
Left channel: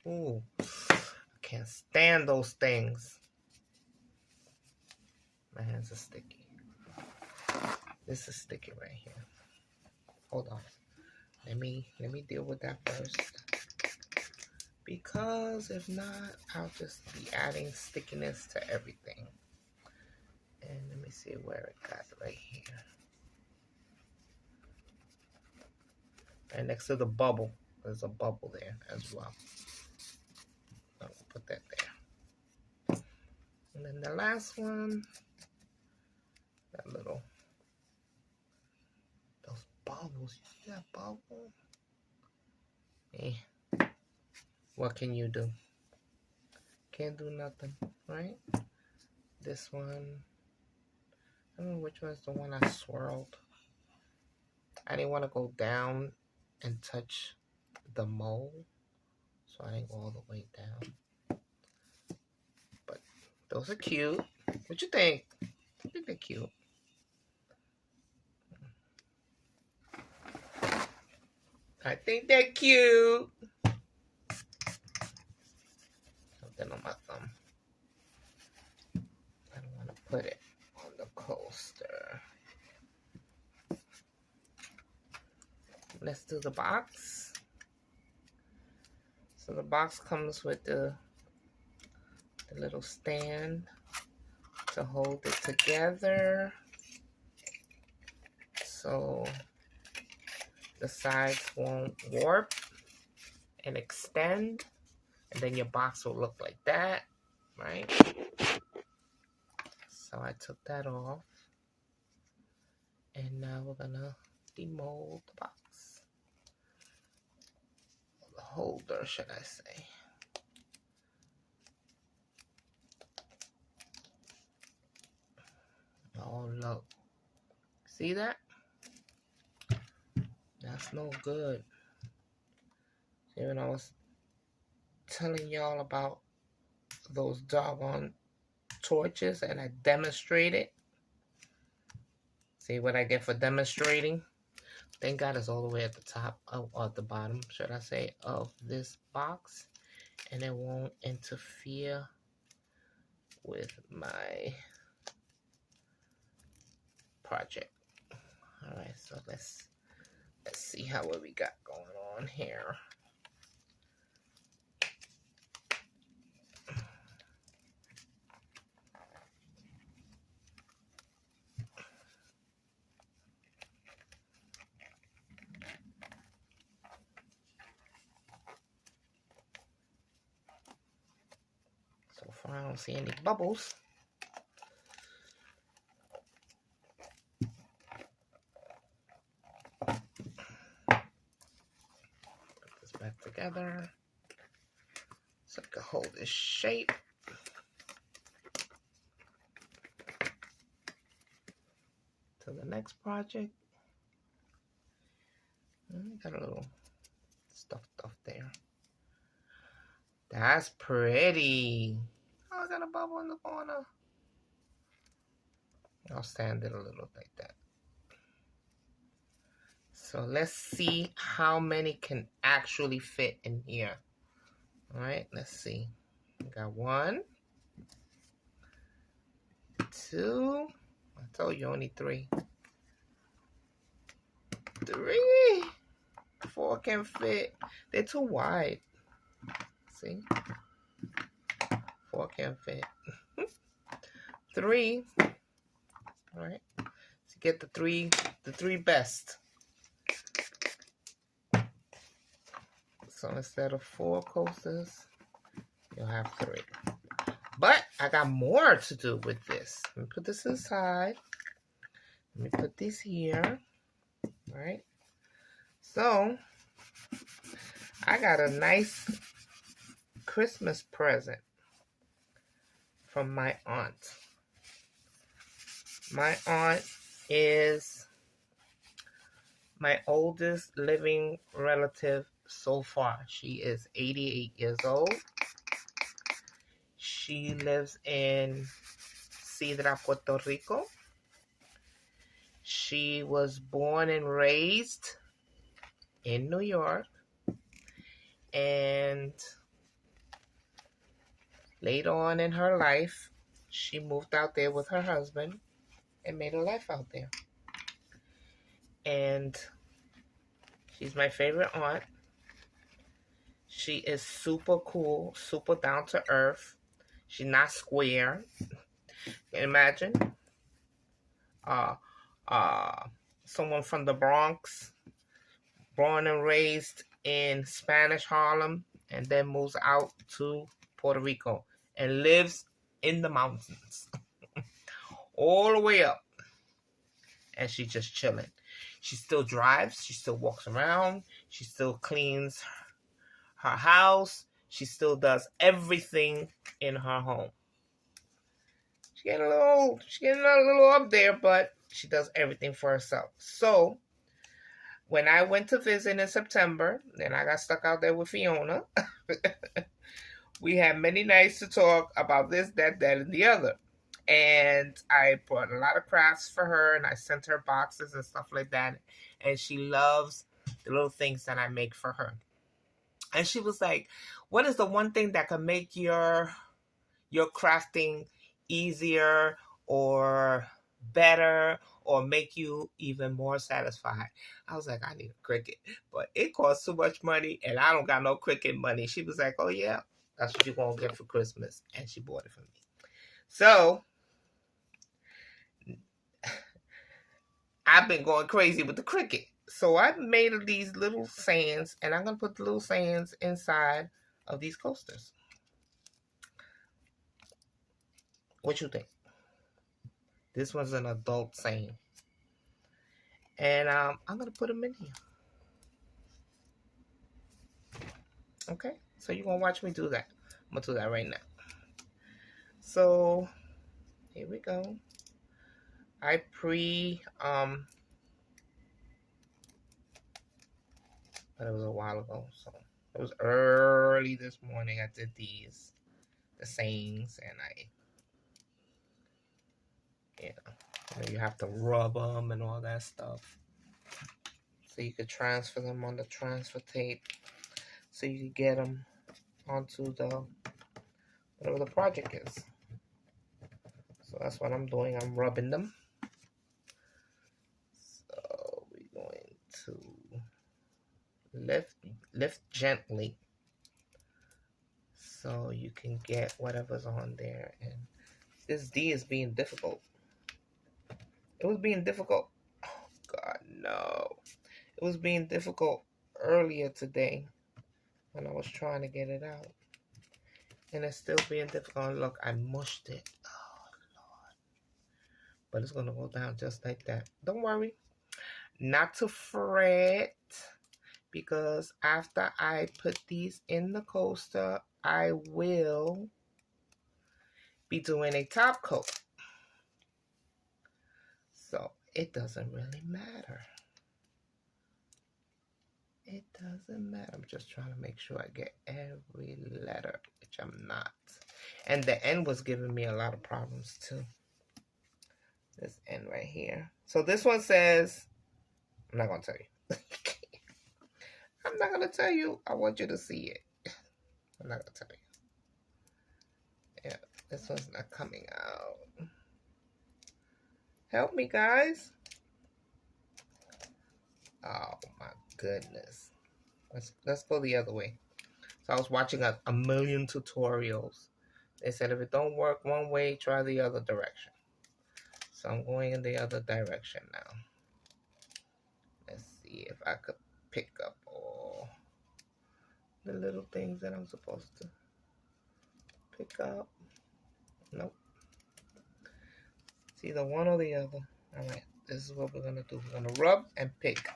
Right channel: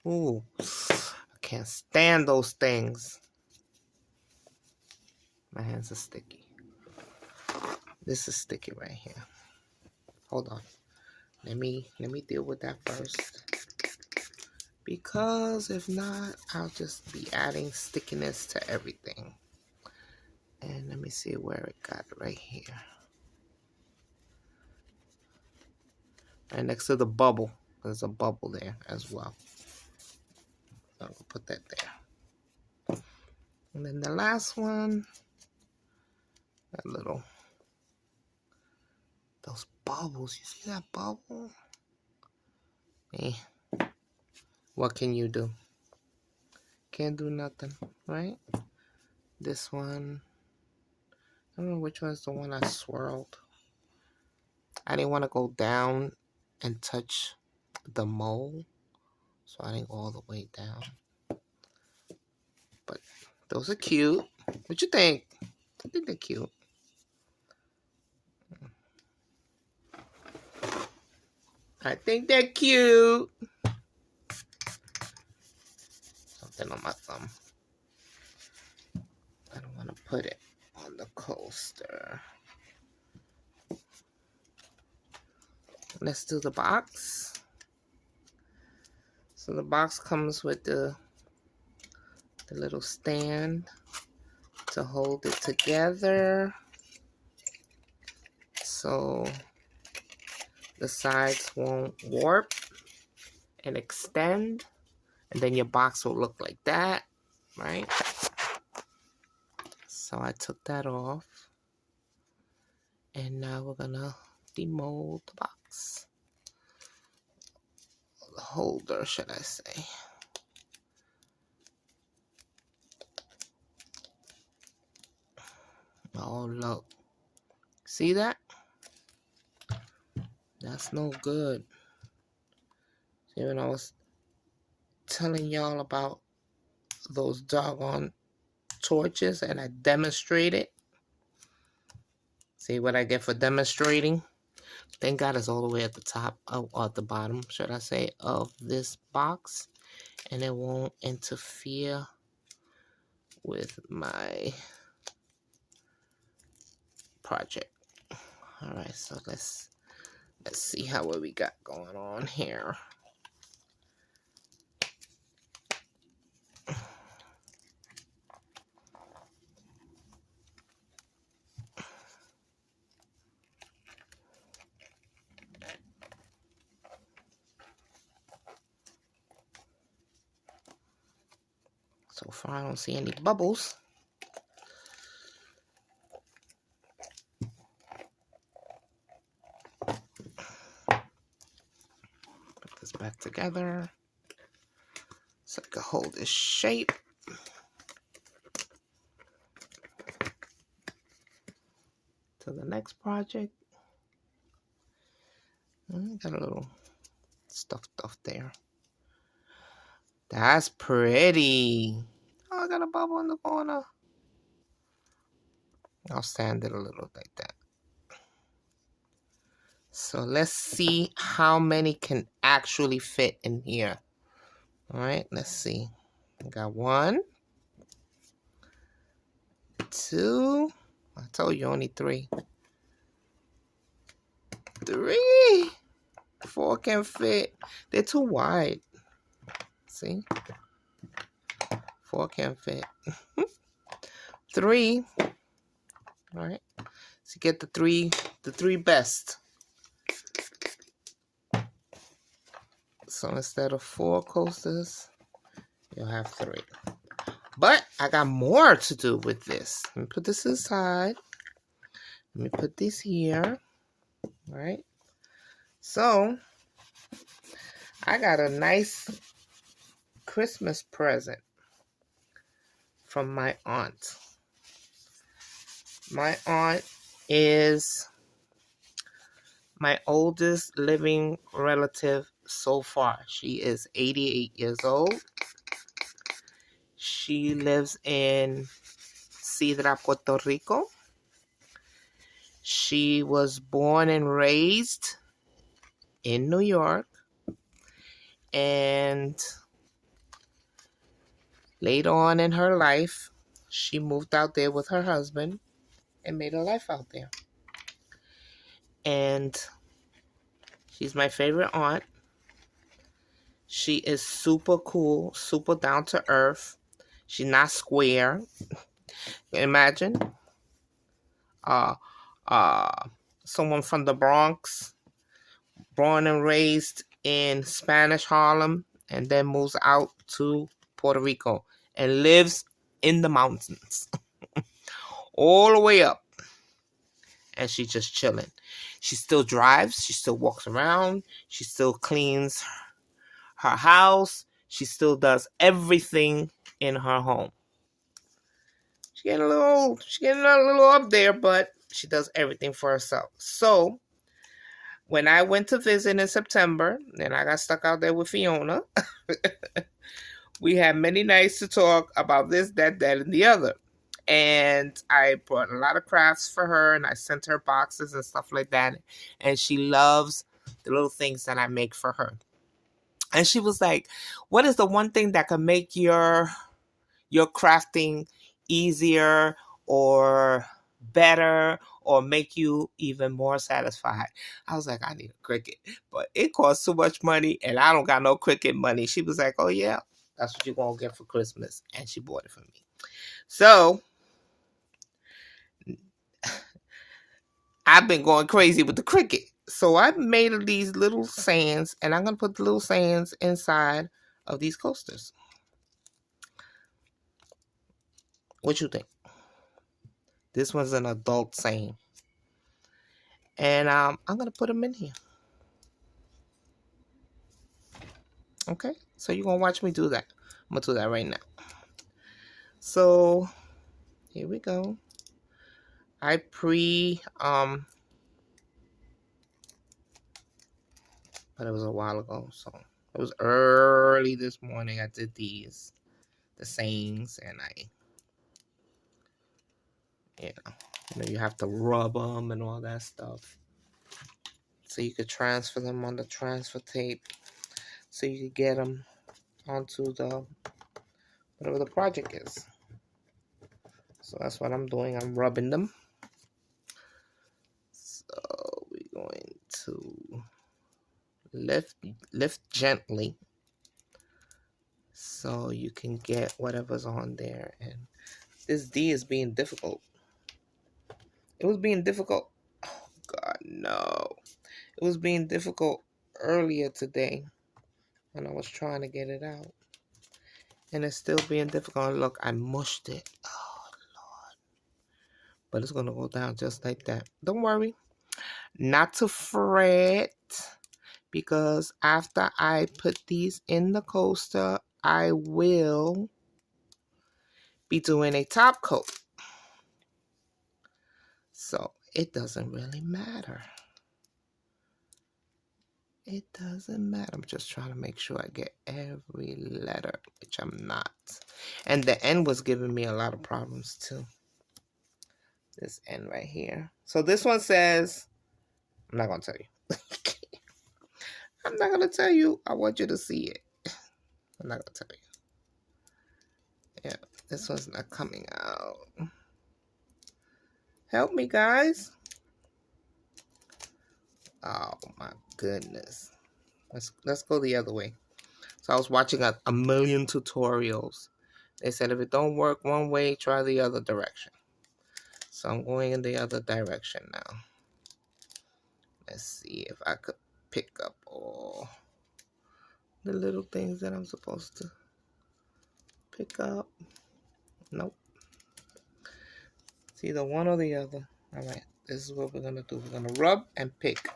Ooh, I can't stand those things. My hands are sticky. This is sticky right here. Hold on. Let me deal with that first. Because if not, I'll just be adding stickiness to everything. And let me see where it got right here. Right next to the bubble. There's a bubble there as well. I'll put that there. And then the last one, that little, those bubbles. You see that bubble? Eh. What can you do? Can't do nothing, right? This one, I don't know which one's the one I swirled. I didn't want to go down and touch the mold, so I didn't go all the way down. But those are cute. What you think? I think they're cute. I think they're cute. Something on my thumb. I don't want to put it on the coaster. Let's do the box. So the box comes with the little stand to hold it together, so the sides won't warp and extend, and then your box will look like that, right? So I took that off, and now we're gonna demold the box. The holder, should I say. Oh, look. See that? That's no good. See, when I was telling y'all about those doggone torches and I demonstrated. See what I get for demonstrating? Thank God it's all the way at the top, or at the bottom, should I say, of this box. And it won't interfere with my project. All right, so let's see how what we got going on here. So far, I don't see any bubbles. Put this back together so I can hold this shape. To the next project. Got a little stuffed off there. That's pretty. Oh, I got a bubble in the corner. I'll sand it a little like that. So let's see how many can actually fit in here. All right, let's see. I got 1, 2. I told you only 3. 3. 4 can fit. They're too wide. See? 4 can fit. 3. All right. So get the three best. So instead of 4 coasters, you'll have 3. But I got more to do with this. Let me put this aside. Let me put this here. All right. So I got a nice Christmas present from my aunt. My aunt is my oldest living relative so far. She is 88 years old. She lives in Sidra, Puerto Rico. She was born and raised in New York. And later on in her life, she moved out there with her husband and made a life out there. And she's my favorite aunt. She is super cool, super down to earth. She's not square. Imagine someone from the Bronx, born and raised in Spanish Harlem, and then moves out to Puerto Rico and lives in the mountains all the way up. And she's just chilling. She still drives. She still walks around. She still cleans her house. She still does everything in her home. She's getting a little up there, but she does everything for herself. So when I went to visit in September, and I got stuck out there with Fiona, we had many nights to talk about this, that, and the other. And I brought a lot of crafts for her, and I sent her boxes and stuff like that. And she loves the little things that I make for her. And she was like, "What is the one thing that can make your crafting easier or better or make you even more satisfied?" I was like, "I need a Cricut, but it costs too much money and I don't got no Cricut money." She was like, "Oh yeah, that's what you're gonna get for Christmas." And she bought it for me. So I've been going crazy with the Cricut. So I made these little sands, and I'm gonna put the little sands inside of these coasters. What you think? This one's an adult sand. And I'm going to put them in here. Okay? So you're going to watch me do that. I'm going to do that right now. So here we go. I but it was a while ago. So it was early this morning. I did the sayings, and you have to rub them and all that stuff. So you could transfer them on the transfer tape. So you could get them onto whatever the project is. So that's what I'm doing. I'm rubbing them. So we're going to lift gently so you can get whatever's on there. And this D is being difficult. It was being difficult. Oh God, no. It was being difficult earlier today when I was trying to get it out. And it's still being difficult. Look, I mushed it. Oh Lord. But it's going to go down just like that. Don't worry. Not to fret, because after I put these in the coaster, I will be doing a top coat. So it doesn't really matter. It doesn't matter. I'm just trying to make sure I get every letter, which I'm not. And the N was giving me a lot of problems too. This N right here. So this one says, I'm not going to tell you. I'm not going to tell you. I want you to see it. I'm not going to tell you. Yeah, this one's not coming out. Help me, guys. Oh my goodness. Let's go the other way. So I was watching a million tutorials. They said if it don't work one way, try the other direction. So I'm going in the other direction now. Let's see if I could pick up all the little things that I'm supposed to pick up. Nope. It's either one or the other. All right, this is what we're gonna do. We're gonna rub and pick.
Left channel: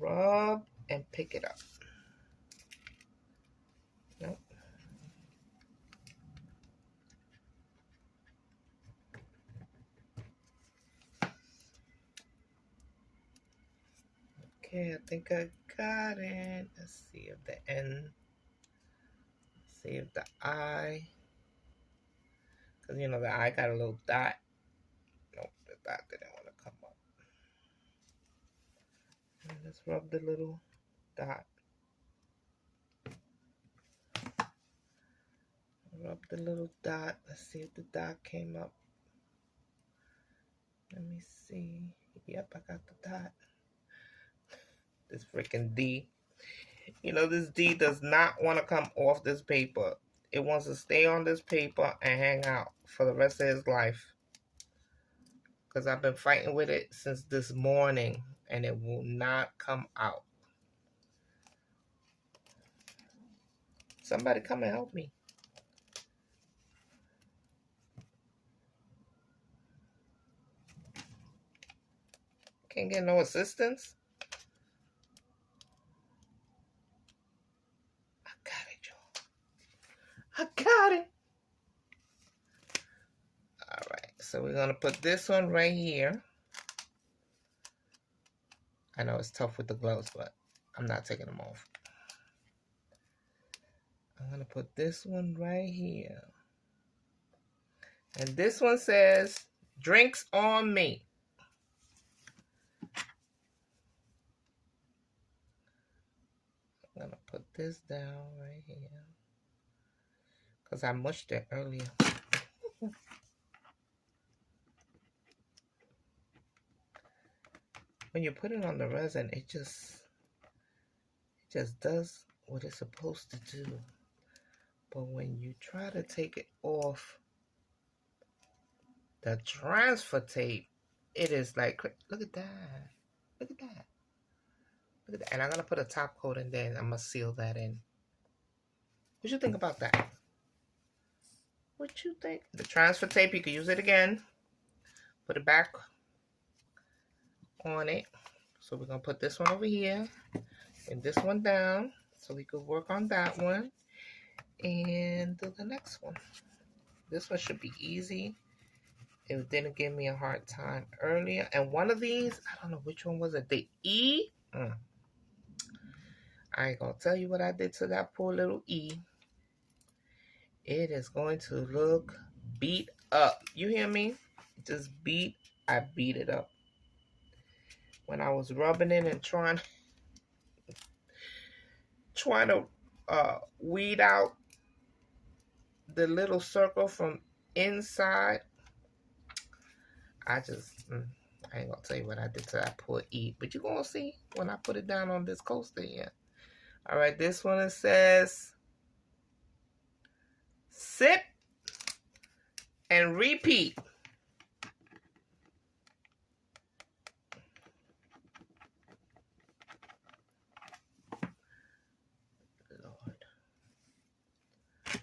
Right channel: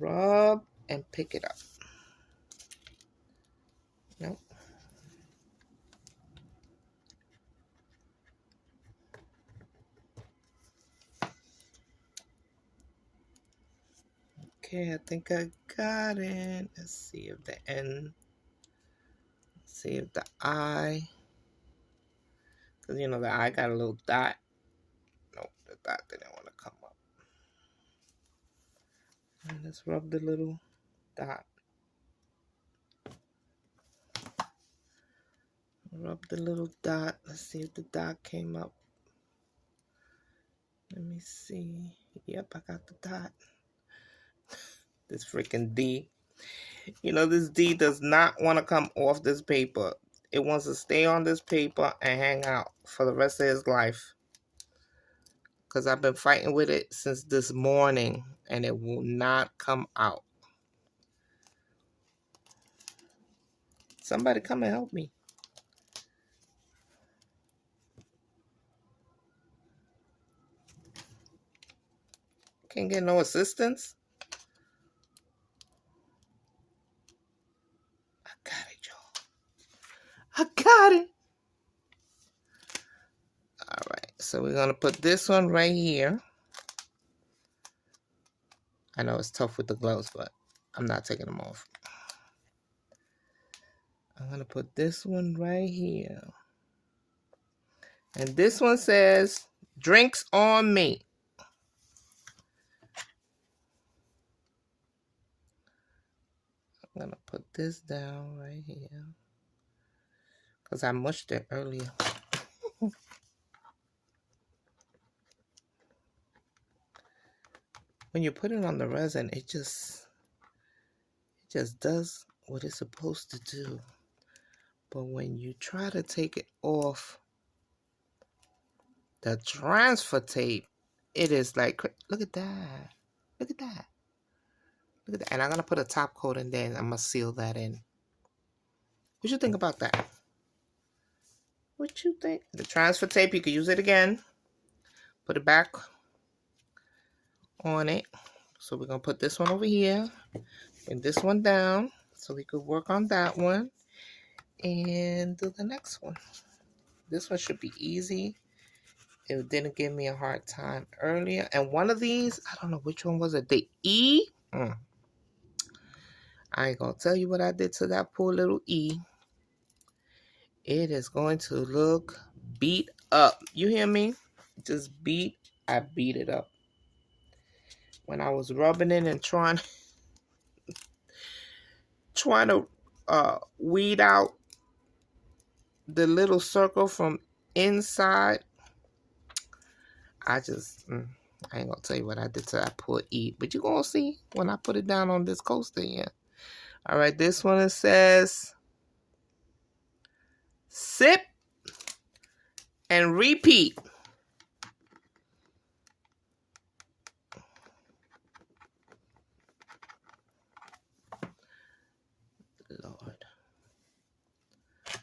Rub and pick it up. Nope. Okay, I think I got it. Let's see if the N, let's see if the I, because you know the I got a little dot. Nope, the dot didn't want to come up. And let's rub the little dot. Rub the little dot. Let's see if the dot came up. Let me see. Yep, I got the dot. This freaking D. You know, this D does not want to come off this paper. It wants to stay on this paper and hang out for the rest of his life. Because I've been fighting with it since this morning and it will not come out. Somebody come and help me. Can't get no assistance. I got it, y'all. I got it. All right, so we're going to put this one right here. I know it's tough with the gloves, but I'm not taking them off. I'm going to put this one right here. And this one says, drinks on me. I'm going to put this down right here. Because I mushed it earlier. When you put it on the resin, it just does what it's supposed to do. But when you try to take it off the transfer tape, it is like, look at that. Look at that. Look at that. And I'm going to put a top coat in there and I'm going to seal that in. What you think about that? What you think? The transfer tape, you can use it again. Put it back on it. So we're going to put this one over here and this one down so we could work on that one and do the next one. This one should be easy. It didn't give me a hard time earlier. And one of these, I don't know which one was it. The E. I ain't going to tell you what I did to that poor little E. It is going to look beat up. You hear me? Just beat. I beat it up. When I was rubbing it and trying to weed out the little circle from inside, I ain't gonna tell you what I did to that poor E, but you're gonna see when I put it down on this coaster here. All right, this one, it says sip and repeat. Lord. Let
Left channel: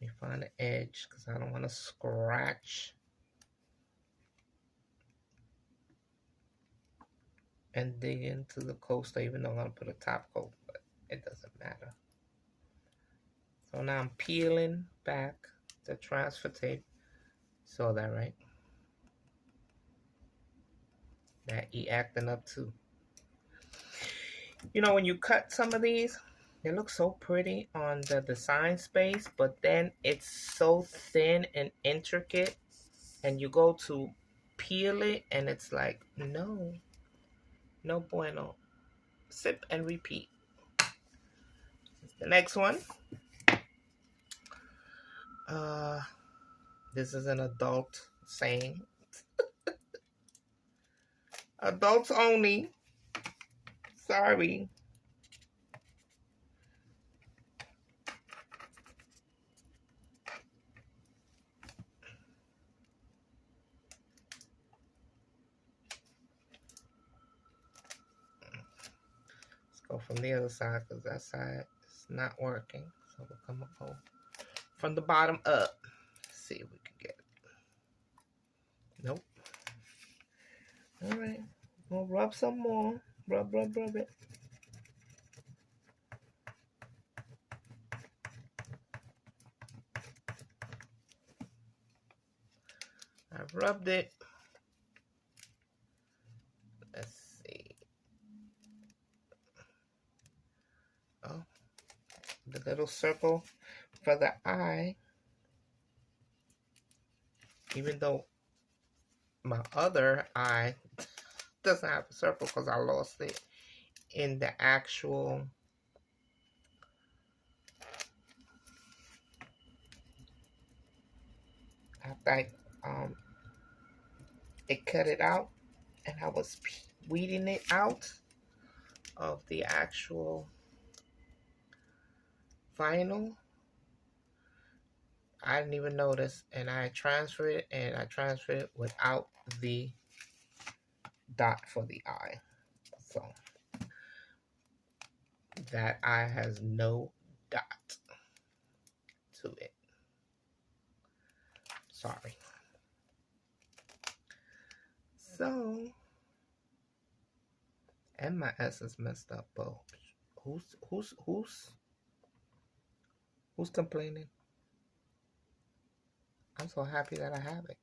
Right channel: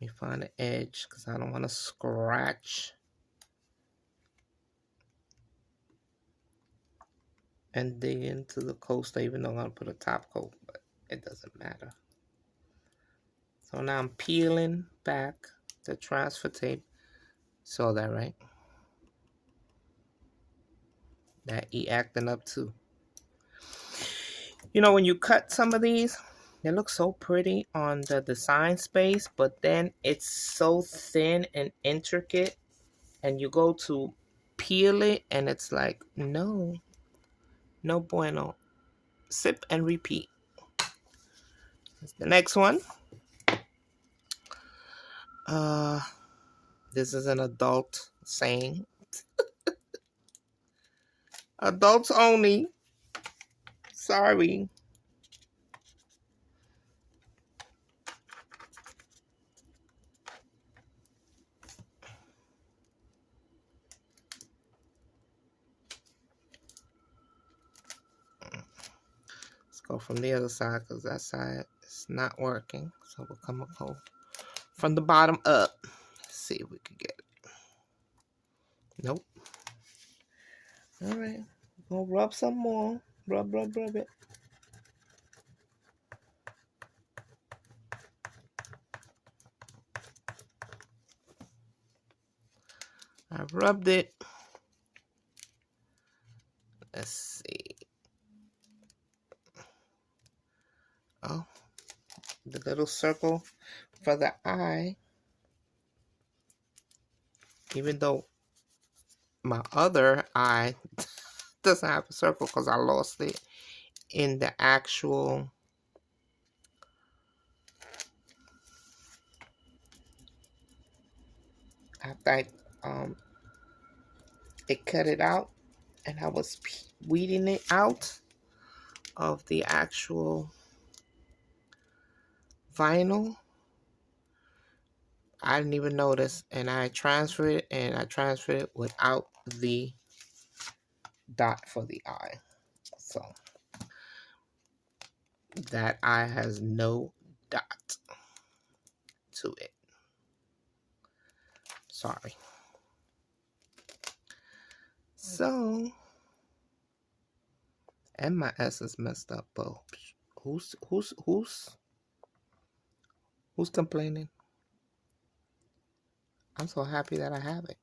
me find the edge because I don't want to scratch and dig into the coaster, even though I'm gonna put a top coat, but it doesn't matter. So now I'm peeling back the transfer tape. Saw that, right? That E acting up too. You know, when you cut some of these, they look so pretty on the design space, but then it's so thin and intricate, and you go to peel it, and it's like, no bueno. Sip and repeat. That's the next one. This is an adult saying. Adults only. Sorry. Let's go from the other side because that side is not working. So we'll come up from the bottom up. Let's see if we can get it. Nope. All right. We'll rub some more. Rub it. I've rubbed it. Let's see. Oh, the little circle for the eye. Even though my other eye doesn't have a circle because I lost it in the actual after it cut it out and I was weeding it out of the actual vinyl. I didn't even notice, and I transferred it without the dot for the eye. So that eye has no dot to it. Sorry. So, and my S is messed up, but who's complaining? I'm so happy that I have it.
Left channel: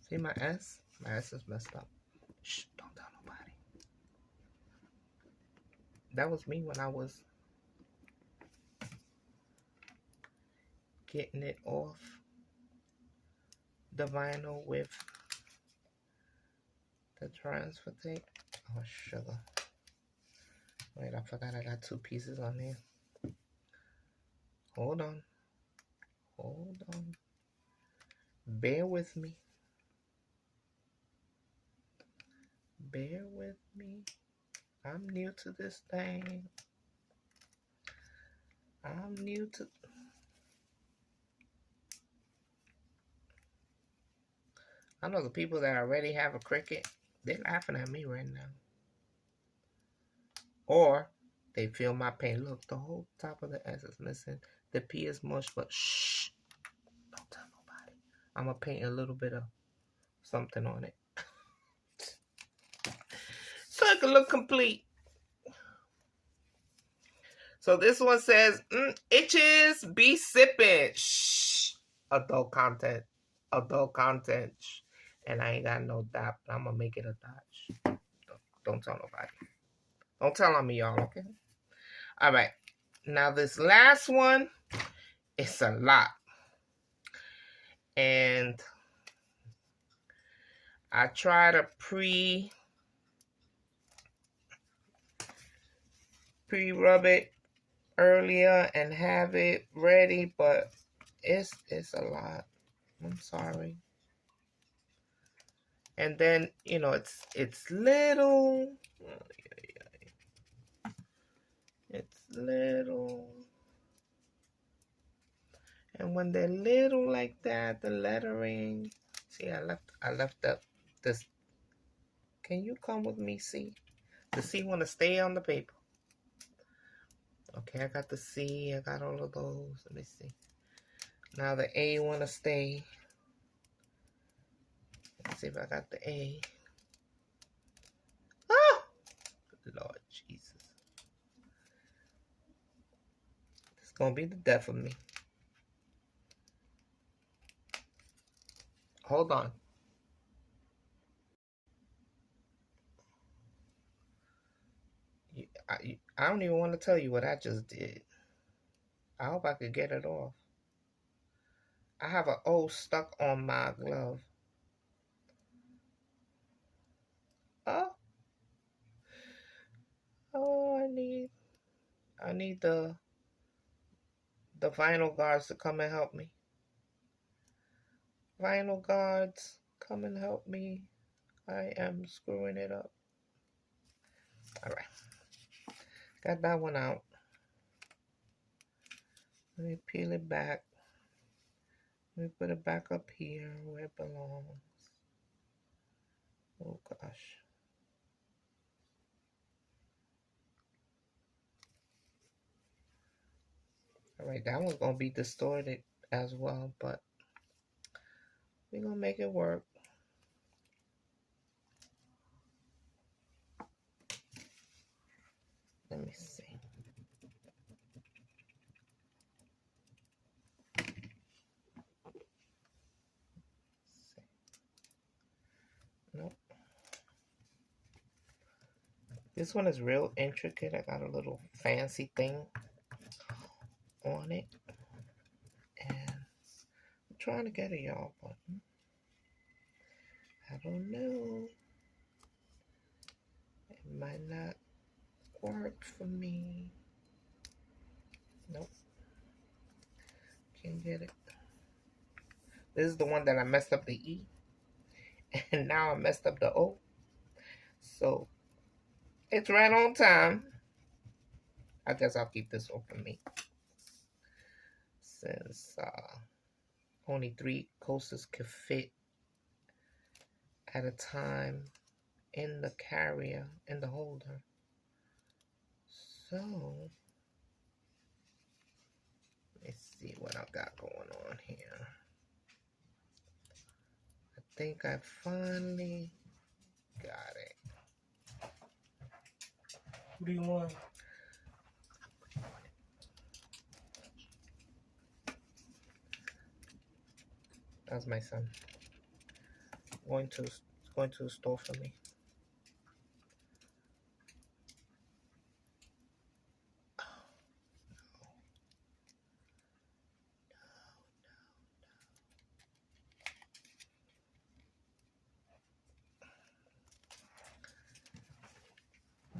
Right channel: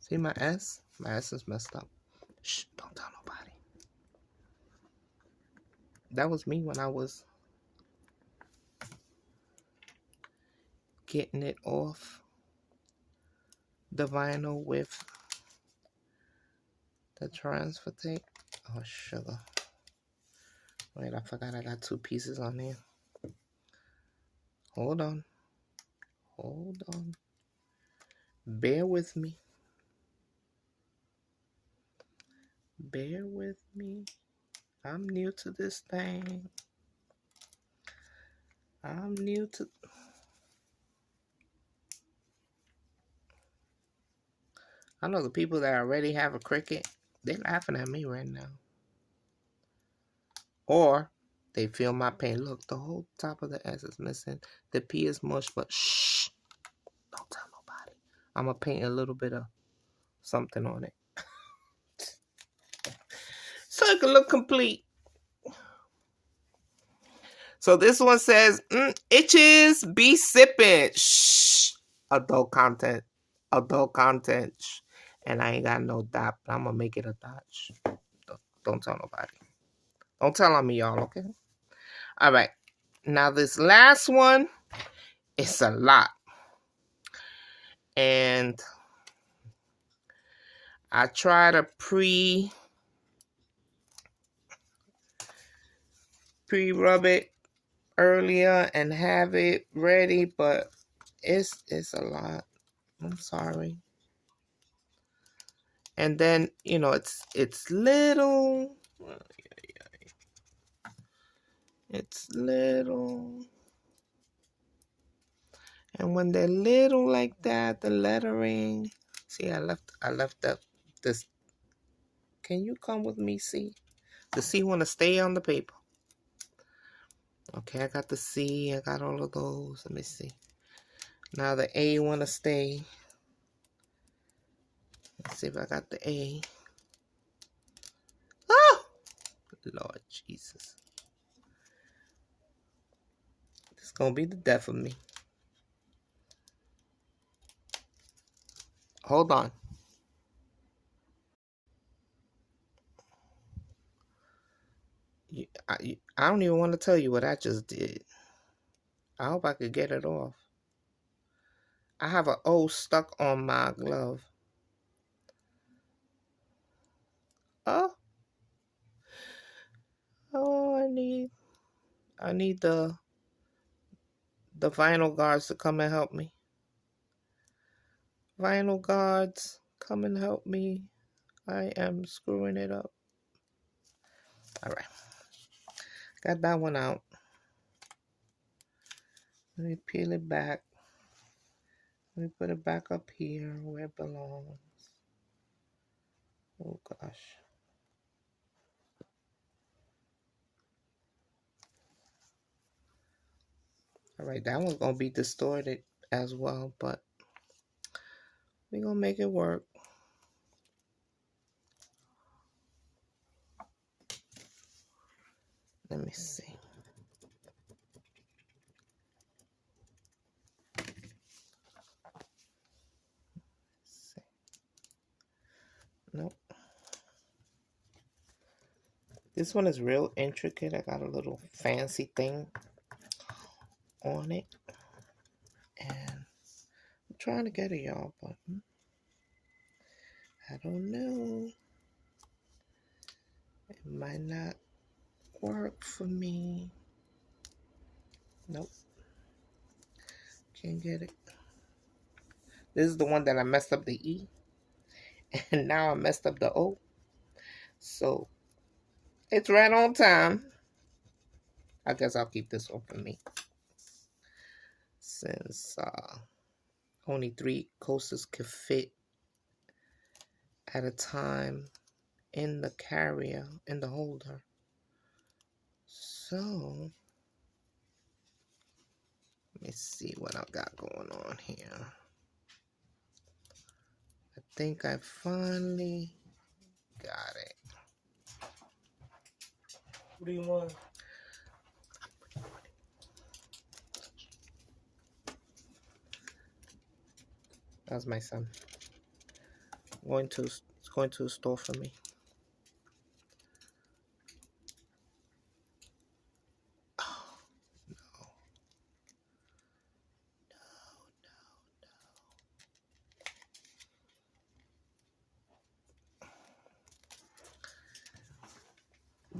See my S? My S is messed up. Shh, don't tell nobody. That was me when I was getting it off the vinyl with the transfer tape. Oh, sugar. Wait, I forgot I got 2 pieces on there. Hold on. Hold on. Bear with me. Bear with me. I'm new to this thing. I'm new to... I know the people that already have a Cricut, they're laughing at me right now. Or they feel my pain. Look, the whole top of the S is missing. The P is mush, but shh. Don't tell nobody. I'm going to paint a little bit of something on it. So it can look complete. So this one says, itches be sipping. Shh. Adult content. Adult content. Shh. And I ain't got no dot, but I'm going to make it a dot. Shh. Don't tell nobody. Don't tell on me, y'all, okay? All right. Now this last one, it's a lot. And I try to pre-rub it earlier and have it ready, but it's a lot. I'm sorry. And then, you know, it's little. It's little. And when they're little like that, the lettering. See, I left this. Can you come with me, C? The C want to stay on the paper. Okay, I got the C. I got all of those. Let me see. Now the A want to stay. Let's see if I got the A. Oh! Lord Jesus. It's going to be the death of me. Hold on. I don't even want to tell you what I just did. I hope I could get it off. I have an O stuck on my glove. Oh. Oh, I need the vinyl guards to come and help me. Vinyl guards, come and help me. I am screwing it up. All right. Got that one out. Let me peel it back. Let me put it back up here where it belongs. Oh, gosh. All right, that one's going to be distorted as well, but we're going to make it work. Let me see. Nope. This one is real intricate. I got a little fancy thing on it. And I'm trying to get it, y'all, but I don't know. It might not work for me. Nope. Can't get it. This is the one that I messed up the E. And now I messed up the O. So it's right on time. I guess I'll keep this one for me. Since only 3 coasters could fit at a time in the carrier, in the holder. So let me see what I got going on here. I think I finally got it. What do you want? That's my son. Going to a store for me.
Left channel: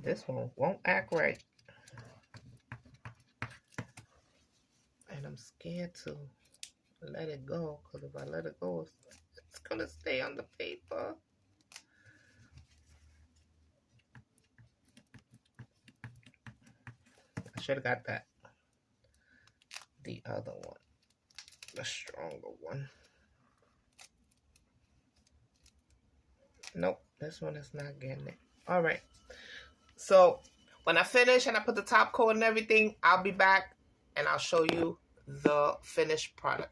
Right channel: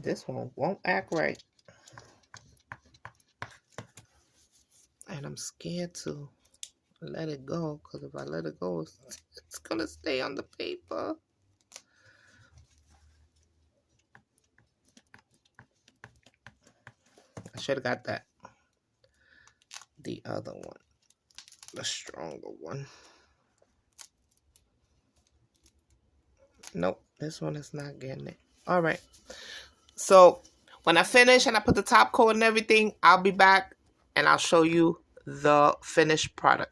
this one won't act right. And I'm scared to let it go, because if I let it go, it's going to stay on the paper. I should have got the other one, the stronger one. Nope, this one is not getting it. All right. So when I finish and I put the top coat and everything, I'll be back and I'll show you the finished product.